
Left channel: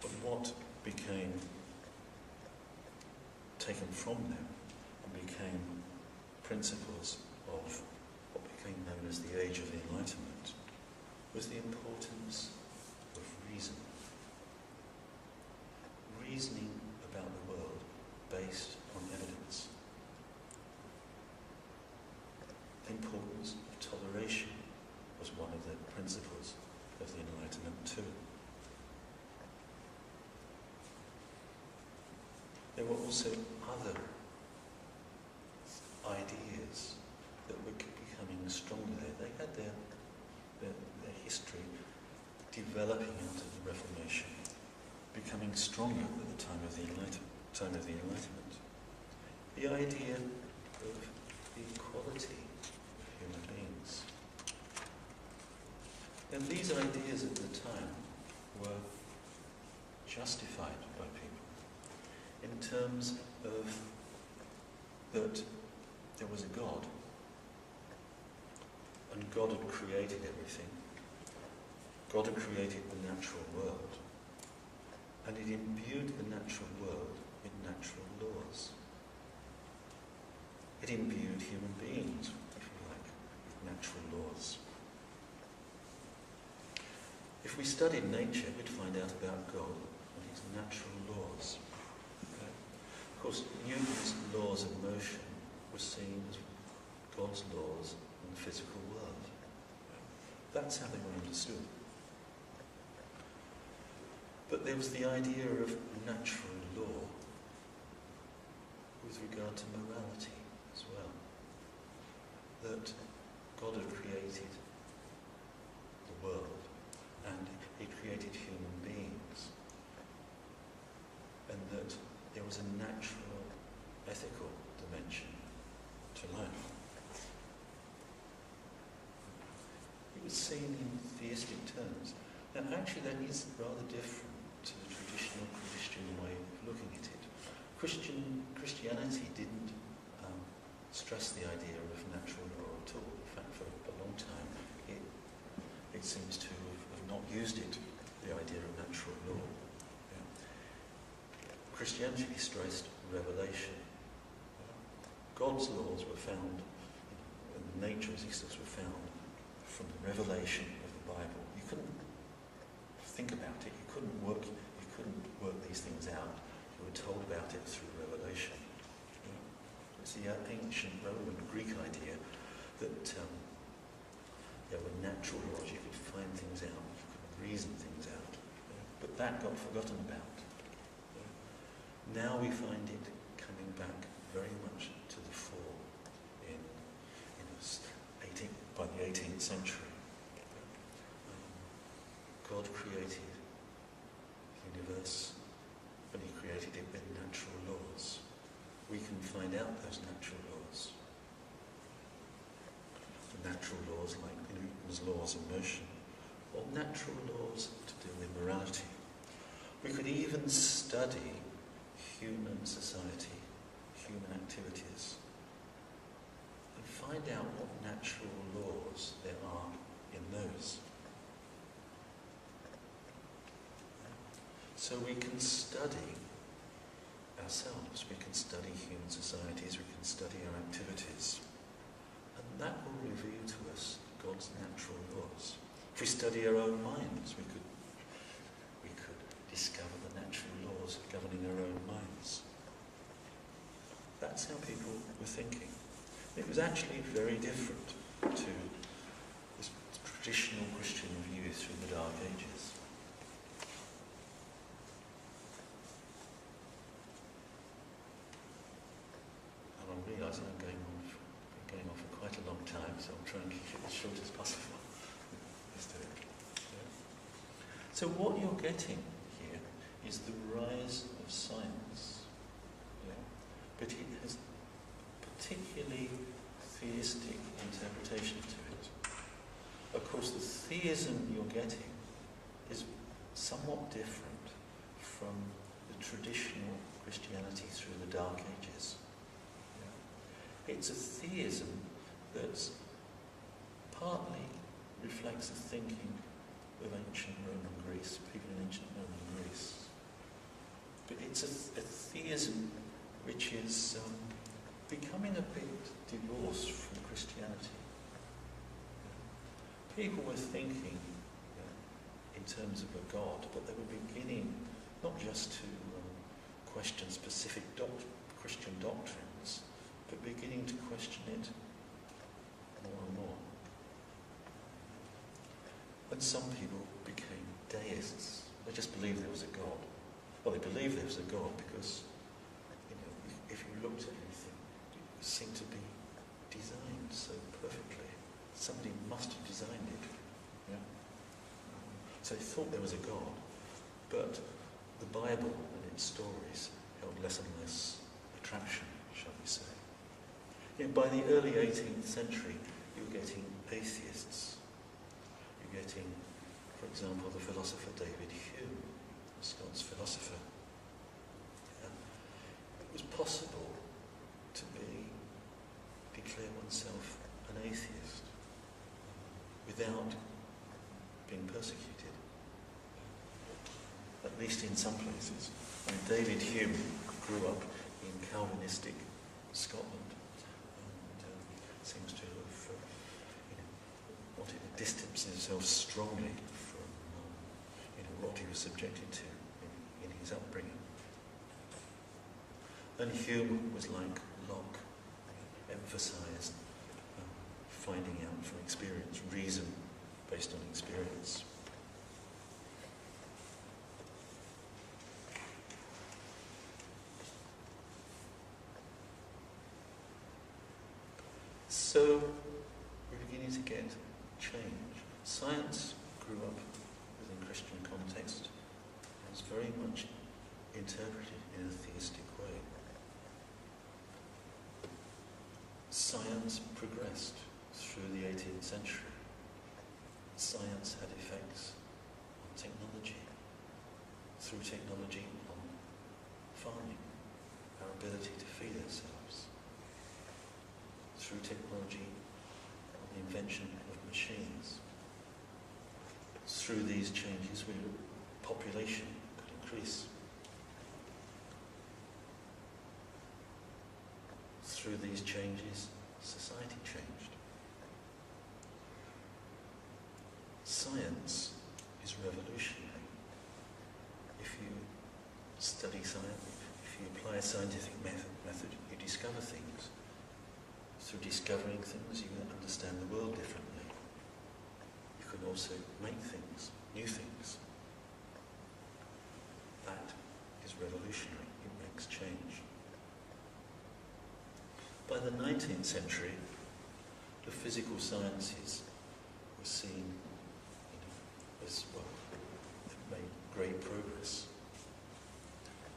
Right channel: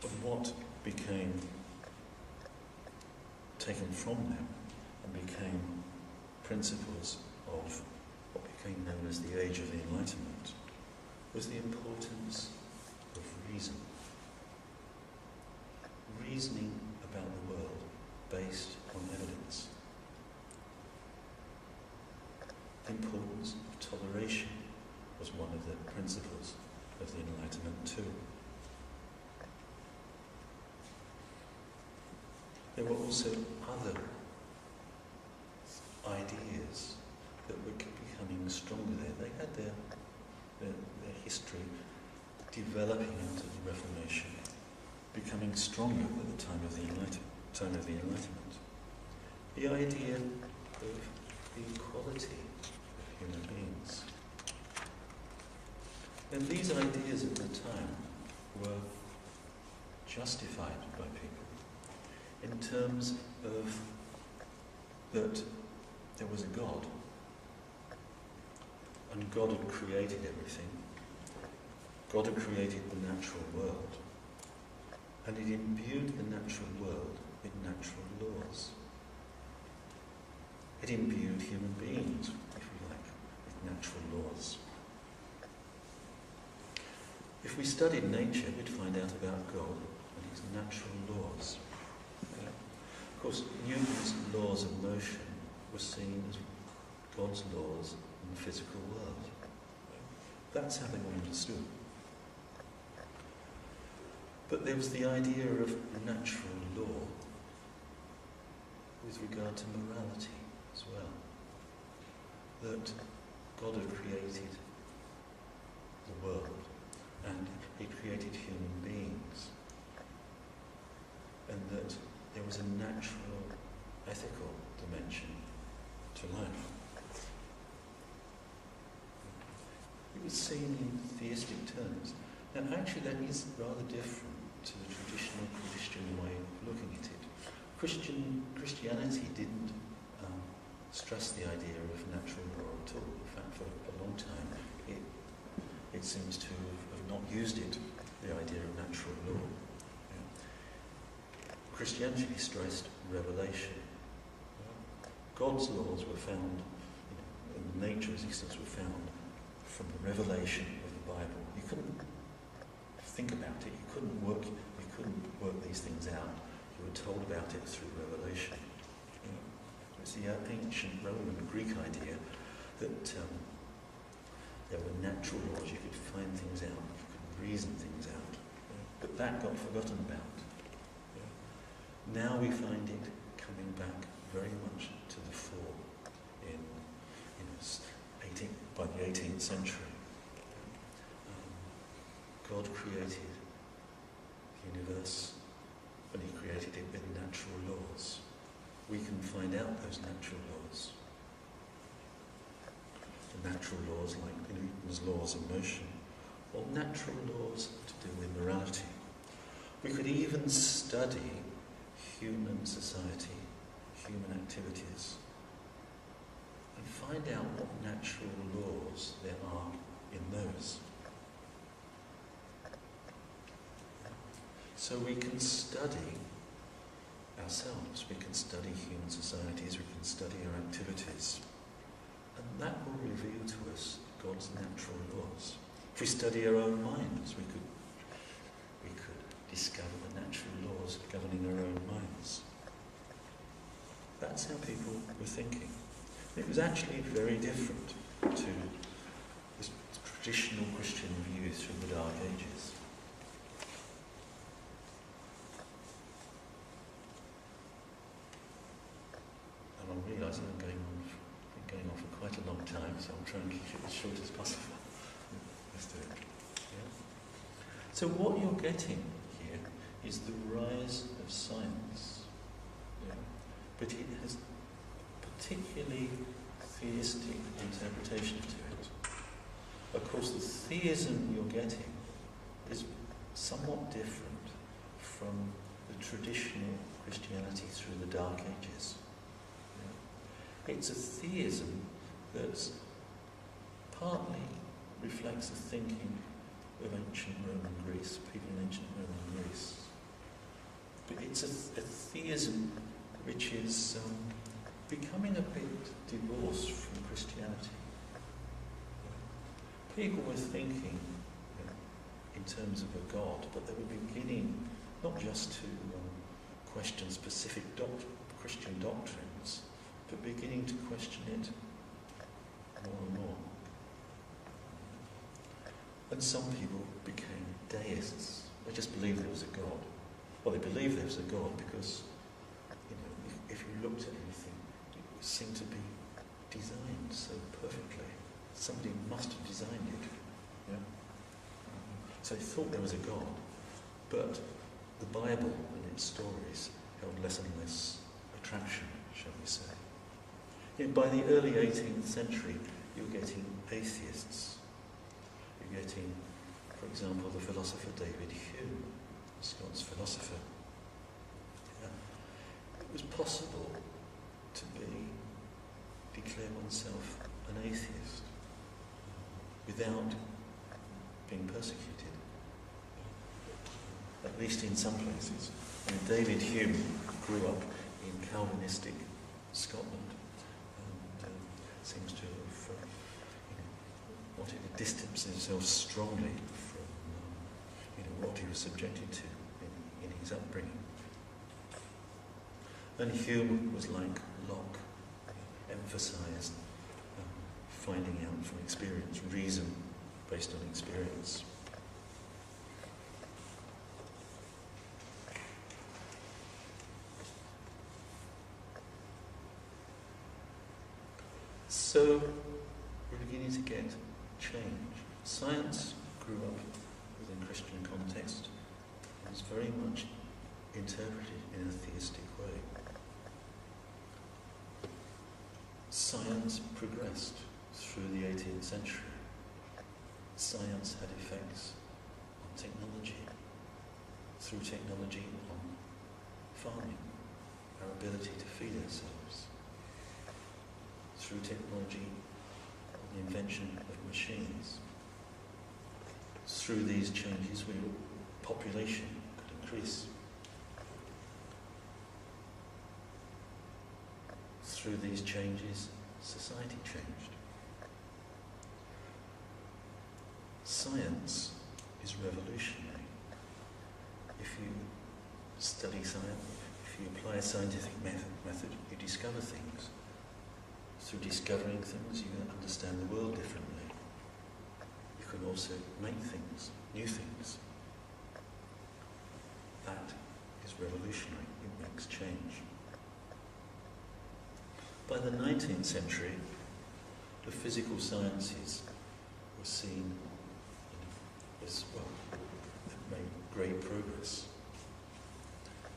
But what became taken from them and became principles of what became known as the Age of the Enlightenment was the importance of reason. Reasoning about the world based on evidence. The importance of toleration was one of the principles of the Enlightenment too. There were also other ideas that were becoming stronger there. They had their history developing out of the Reformation, becoming stronger at the time of the Enlightenment. The idea of the equality of human beings. And these ideas at the time were justified by people in terms of that there was a God, and God had created everything. God had created the natural world, and it imbued the natural world with natural laws. It imbued human beings, if you like, with natural laws. If we studied nature, we'd find out about God and his natural laws. Okay? Of course, Newton's laws of motion were seen as God's laws in the physical world. Okay? That's how they were understood. But there was the idea of natural law with regard to morality as well. That God had created the world and he created human beings, and that there was a natural, ethical dimension to life. It was seen in theistic terms. Now actually that is rather different to the traditional Christian way of looking at it. Christianity didn't stress the idea of natural law at all. In fact, for a long time, it seems to have not used it, the idea of natural law. Yeah. Christianity stressed revelation. Yeah. God's laws were found, and the nature of existence were found from the revelation of the Bible. You couldn't think about it. You couldn't work these things out. You were told about it through revelation. Yeah. It's the ancient Roman Greek idea that there were natural laws. You could find things out. You could reason things out. Yeah. But that got forgotten about. Yeah. Now we find it coming back very much to the fore by the 18th century. God created the universe, and he created it with natural laws. We can find out those natural laws natural laws like Newton's laws of motion, or natural laws to do with morality. We could even study human society, human activities, and find out what natural laws there are in those. So we can study ourselves, we can study human societies, we can study our activities, and that will reveal to us God's natural laws. If we study our own minds, we could discover the natural laws governing our own minds. That's how people were thinking. It was actually very different to this traditional Christian view through the Dark Ages. And I'm realising I'm been going on for quite a long time, so I'll try and keep it as short as possible. Let's do it. Yeah. So what you're getting here is the rise of science. Yeah. But it has particularly theistic interpretation to it. Of course, the theism you're getting is somewhat different from the traditional Christianity through the Dark Ages. Yeah. It's a theism that partly reflects the thinking of ancient Roman Greece, people in ancient Roman Greece. But it's a theism which is becoming a bit divorced from Christianity. Yeah. People were thinking in terms of a God, but they were beginning not just to question specific Christian doctrines, but beginning to question it more and more. And some people became deists. They just believed there was a God. Well, they believed there was a God because, if you looked at anything, it seemed to be designed so perfectly. Somebody must have designed it. Yeah. So they thought there was a God, but the Bible and its stories held less and less attraction, shall we say. By the early 18th century, you were getting atheists. You're getting, for example, the philosopher David Hume, the Scots philosopher. Yeah. It was possible to declare oneself an atheist without being persecuted, at least in some places. David Hume grew up in Calvinistic Scotland and seems to have wanted to distance himself strongly from what he was subjected to in his upbringing. And Hume was like Locke, emphasised finding out from experience, reason based on experience. So we're beginning to get change. Science grew up within Christian context and was very much interpreted in a theistic way. Science progressed through the 18th century. Science had effects on technology, through technology on farming, our ability to feed ourselves, through technology on the invention of machines. Through these changes, population could increase. Through these changes, society changed. Science is revolutionary. If you study science, if you apply a scientific method, you discover things. Through discovering things, you understand the world differently. You can also make things, new things. That is revolutionary. It makes change. By the 19th century, the physical sciences were seen as, they've made great progress.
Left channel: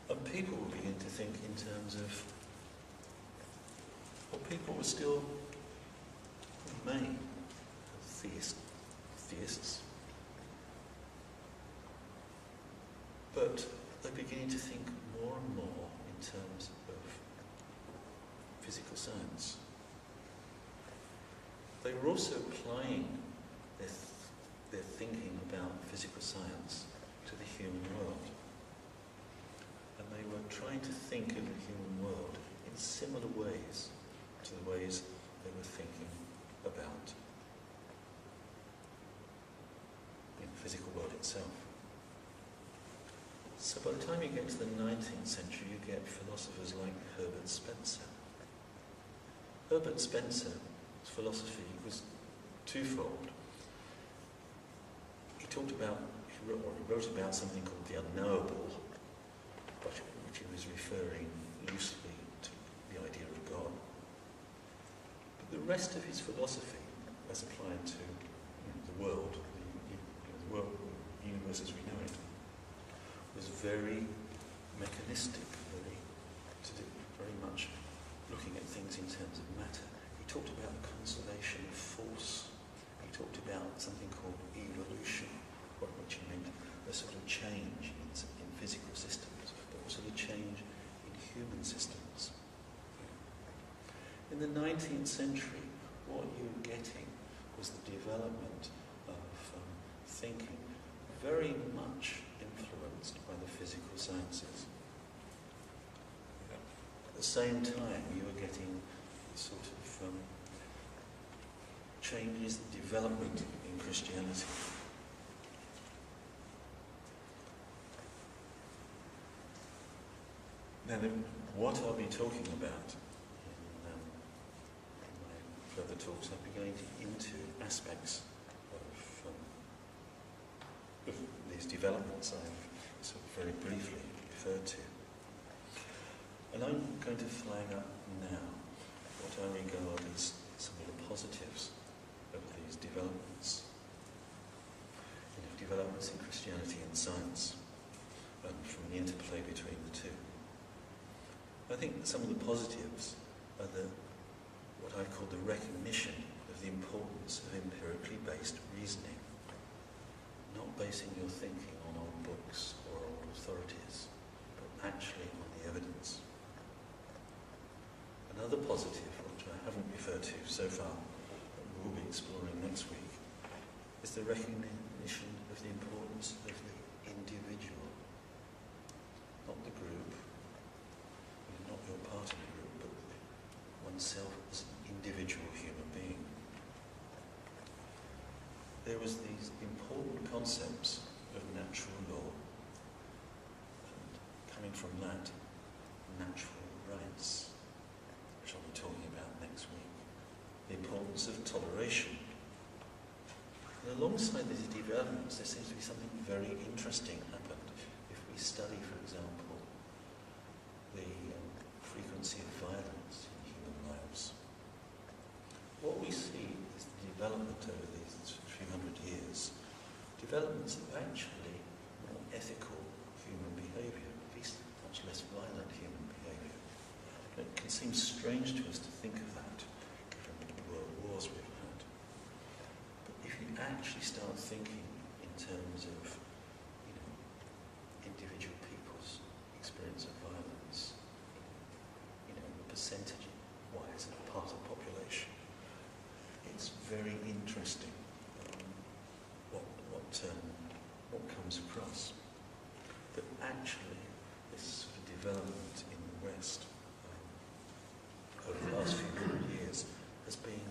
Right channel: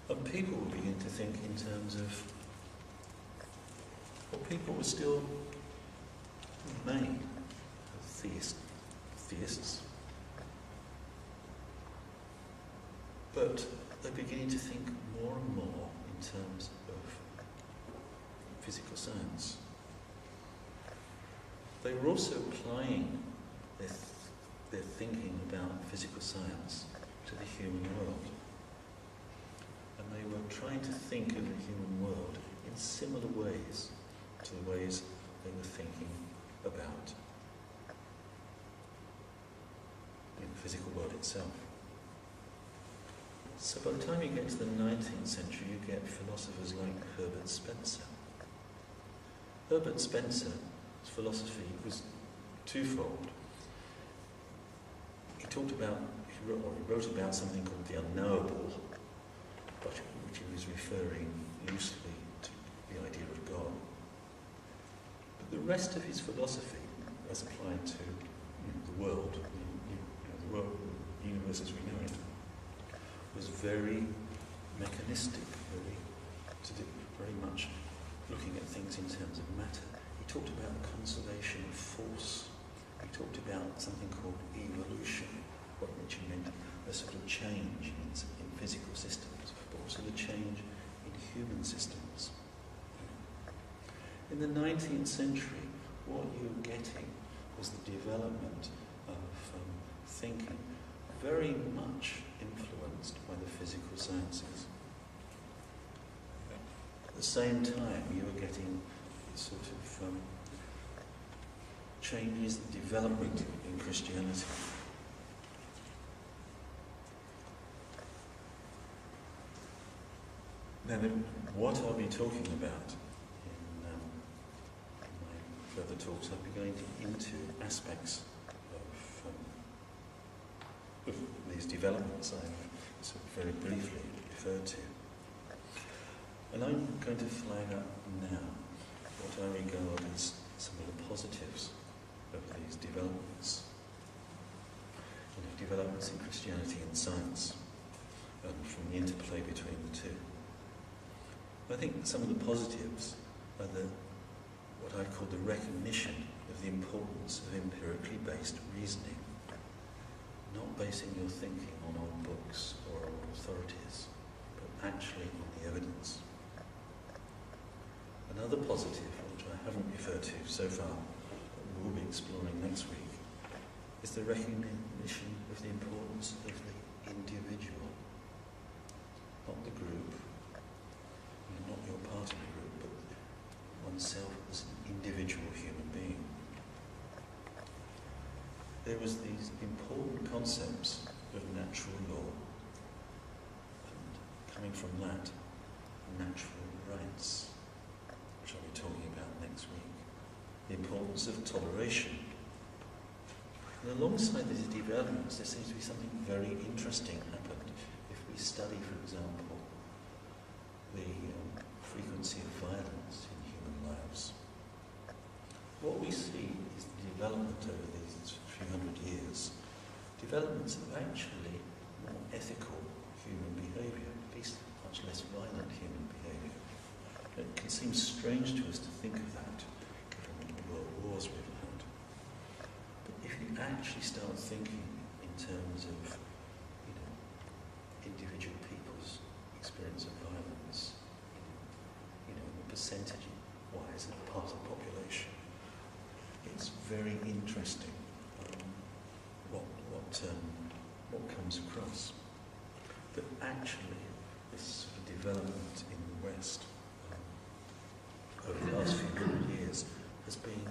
And people will begin to think in terms of, people were still made theists. But they're beginning to think more and more in terms of physical science. They were also applying their thinking about physical science to the human world. And they were trying to think of the human world in similar ways to the ways they were thinking about the physical world itself. So by the time you get to the 19th century, you get philosophers like Herbert Spencer. Herbert Spencer's philosophy was twofold. He wrote about something called the unknowable, but which he was referring loosely to the idea of God. But the rest of his philosophy, as applied to the world, the world, the universe as we know it, was very mechanistic, very much looking at things in terms of matter. He talked about the conservation of force. He talked about something called evolution, which meant a sort of change in physical systems, but also the change in human systems. In the 19th century, what you were getting was the development of thinking very much influenced by the physical sciences. At the same time, you were getting sort of changes, development in Christianity. Now, what I'll be talking about in my further talks, I'll be going into aspects of these developments I've sort of very briefly referred to. And I'm going to flag up now what I regard as some of the positives of these developments. Developments in Christianity and science, and from the interplay between the two. I think some of the positives are what I call the recognition of the importance of empirically based reasoning. Not basing your thinking on old books or old authorities, but actually on the evidence. Another positive, which I haven't referred to so far, but we'll be exploring next week, is the recognition of the importance of the individual. Not the group, not your part in the group, but oneself as an individual human being. There was these important concepts of natural law, and coming from that, natural rights, which I'll be talking about next week. The importance of toleration. And alongside these developments, there seems to be something very interesting happened. If we study, for example, the frequency of violence in human lives, what we see is the development over these few hundred years, developments of actually more ethical human behaviour, at least much less violent human behaviour. It can seem strange to us to think of that, given the world wars we've had. But if you actually start thinking in terms of, individual people's experience of violence, the percentage-wise of part of the population, it's very interesting what comes across. But actually, this sort of development in the West over the last few hundred years has been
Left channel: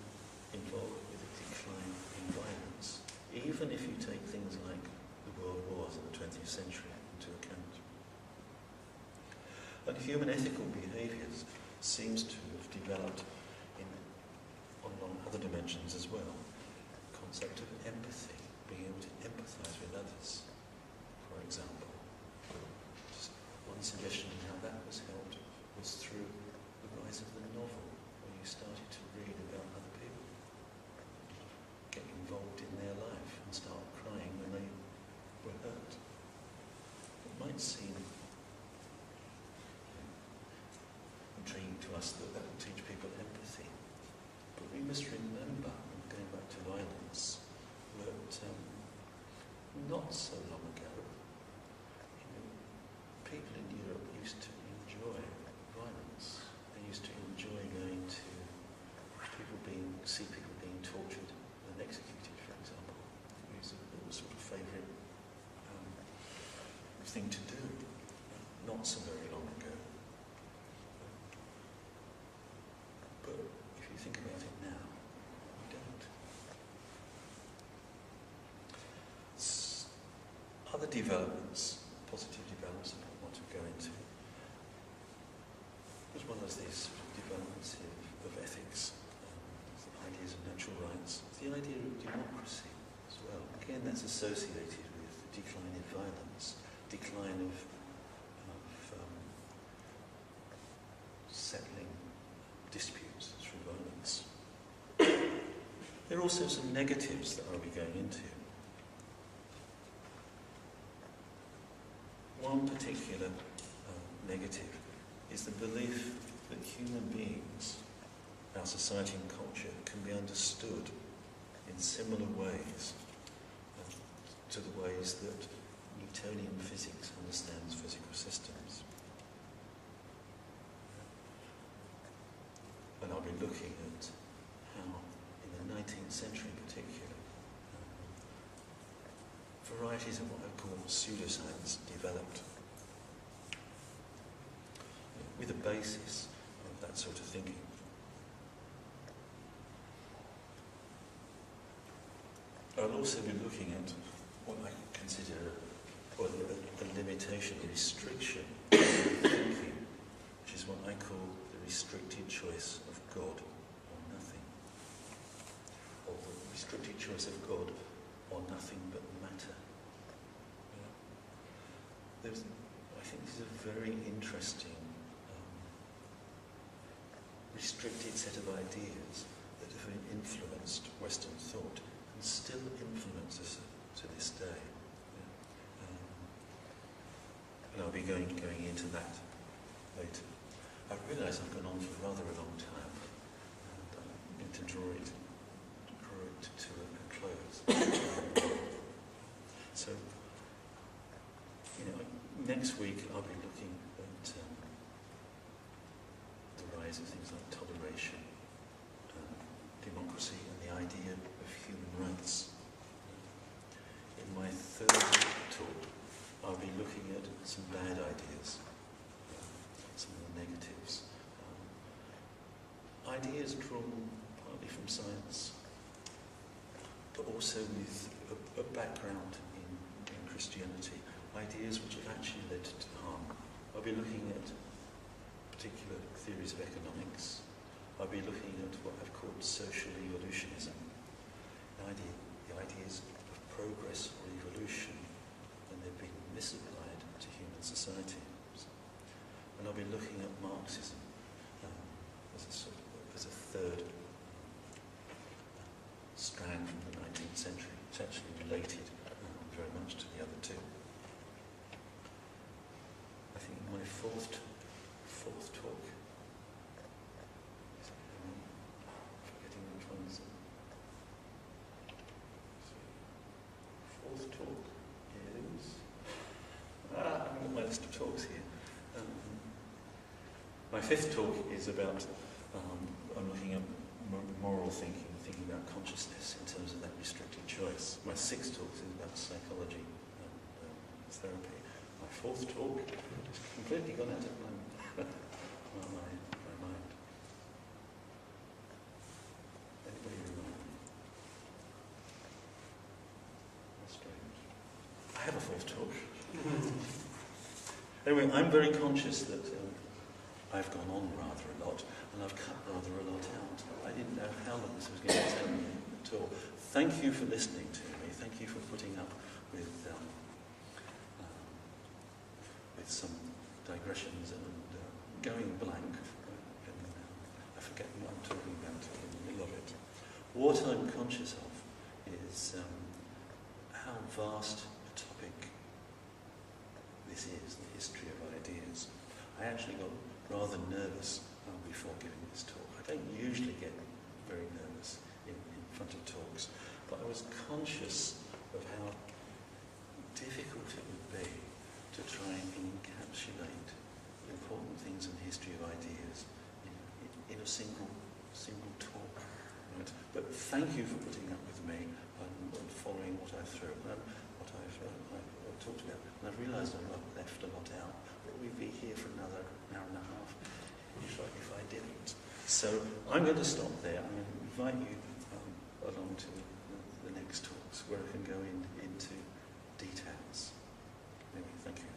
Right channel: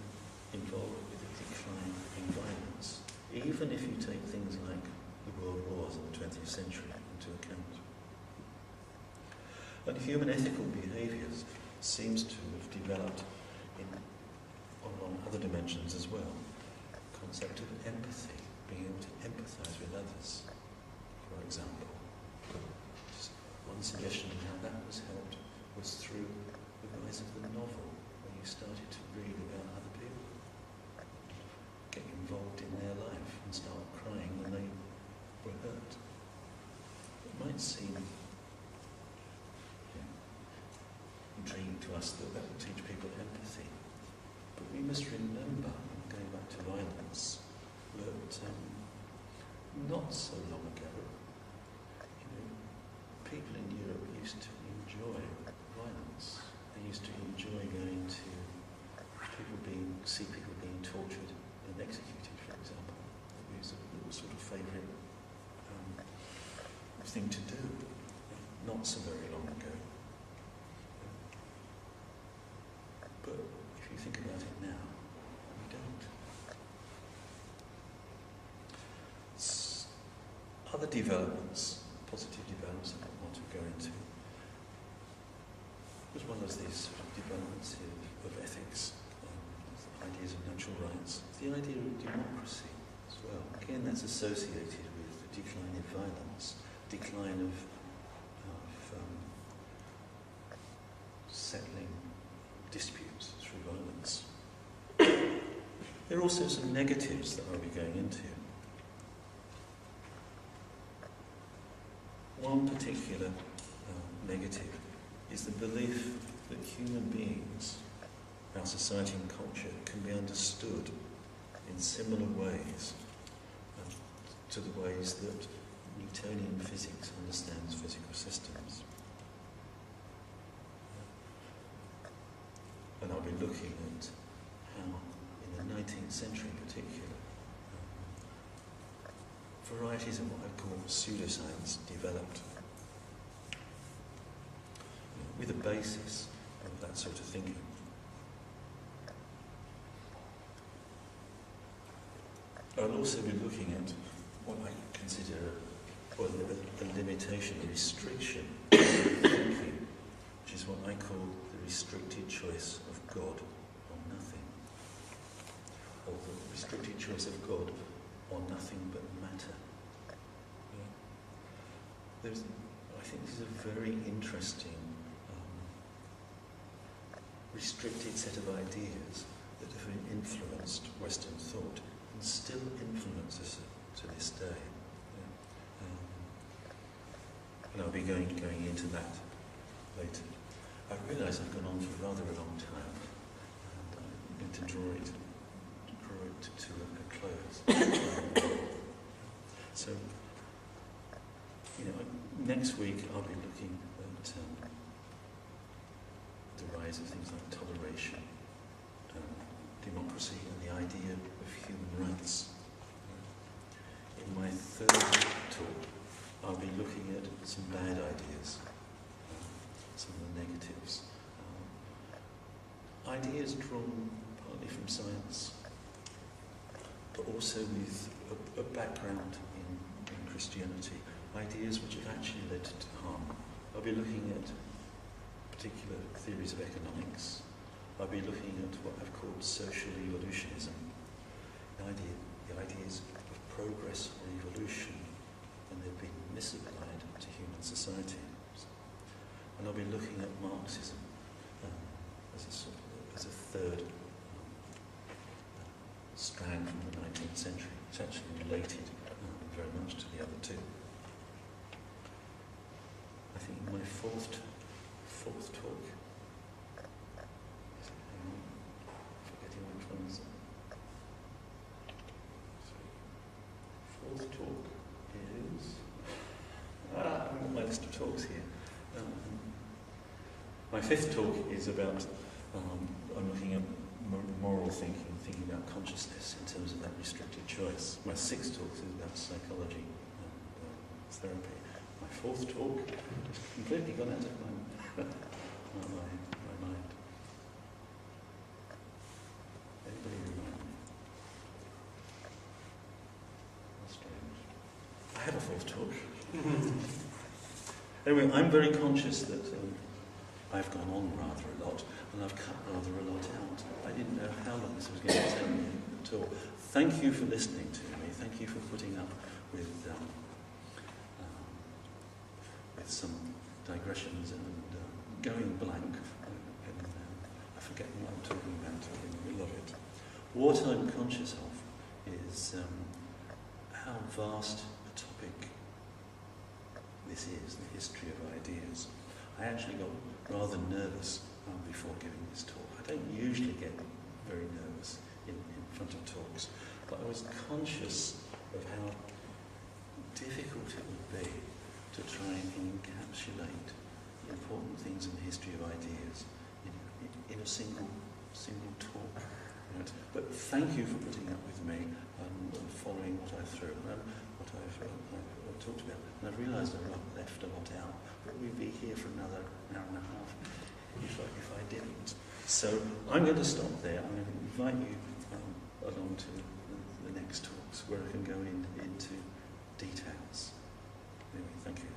involved with a decline in violence, even if you take things like the world wars in the 20th century into account. And human ethical behaviours seems to have developed on other dimensions as well. The concept of empathy, being able to empathise with others, for example. Just one suggestion of how that was helped was through the rise of the novel, where you started to read about other people, get involved in their life and start crying when they were hurt. It might seem intriguing to us that will teach people empathy, but we must remember, going back to violence, that not so long ago, people in Europe used to enjoy violence. They used to enjoy going to see people being tortured and executed, for example. It was a sort of favourite thing to do, not so very long ago. But if you think about it now, we don't. Other developments, positive developments that I want to go into, as well as these sort of developments of ethics, ideas of natural rights, the idea of democracy as well. Again, that's associated with the decline in violence, decline of settling disputes through violence. There are also some negatives that I'll be going into. One particular negative is the belief that human beings, our society and culture, can be understood in similar ways to the ways that Newtonian physics understands physical systems. And I'll be looking at how, in the 19th century in particular, varieties of what I call pseudoscience developed, with a basis of that sort of thinking. I'll also be looking at what I consider a limitation, a restriction of thinking, which is what I call the restricted choice of God or nothing, or the restricted choice of God or nothing but matter. Yeah. I think this is a very interesting restricted set of ideas that have influenced Western thought and still influence us to this day. Yeah. And I'll be going into that later. I realise I've gone on for rather a long time, and I'm going to draw it to a close. So, next week I'll be looking at the rise of things like toleration, democracy, and the idea of human rights. In my third talk, I'll be looking at some bad ideas, some of the negatives. Ideas drawn partly from science, but also with a background in Christianity. Ideas which have actually led to harm. I'll be looking at particular theories of economics. I'll be looking at what I've called social evolutionism. The ideas of progress or evolution, and they've been misapplied to human societies. And I'll be looking at Marxism as a third strand from the 19th century. It's actually related very much to the other two. I think in my fourth talk, forgetting which one's fourth talk is I haven't got my list of talks here. My fifth talk is about I'm looking at moral thinking about consciousness in terms of that restricted choice. My sixth talk is about psychology and therapy. My fourth talk has completely gone out of my mind. Anybody remind me? How strange. I have a fourth talk. Anyway, I'm very conscious that I've gone on rather a lot, and I've cut rather a lot out. I didn't know how long this was going to take me at all. Thank you for listening to me. Thank you for putting up with some digressions and going blank. And I forget what I'm talking about in the middle of it. What I'm conscious of is how vast a topic this is, the history of ideas. I actually got rather nervous before giving this talk. I don't usually get very nervous. front of talks, but I was conscious of how difficult it would be to try and encapsulate important things in the history of ideas in a single talk. Right? But thank you for putting up with me and following what I've talked about. And I've realised I've left a lot out, but we'd be here for another hour and a half if I didn't. So I'm going to stop there. I'm going to invite you along to the next talks where I can go into details. Anyway, thank you.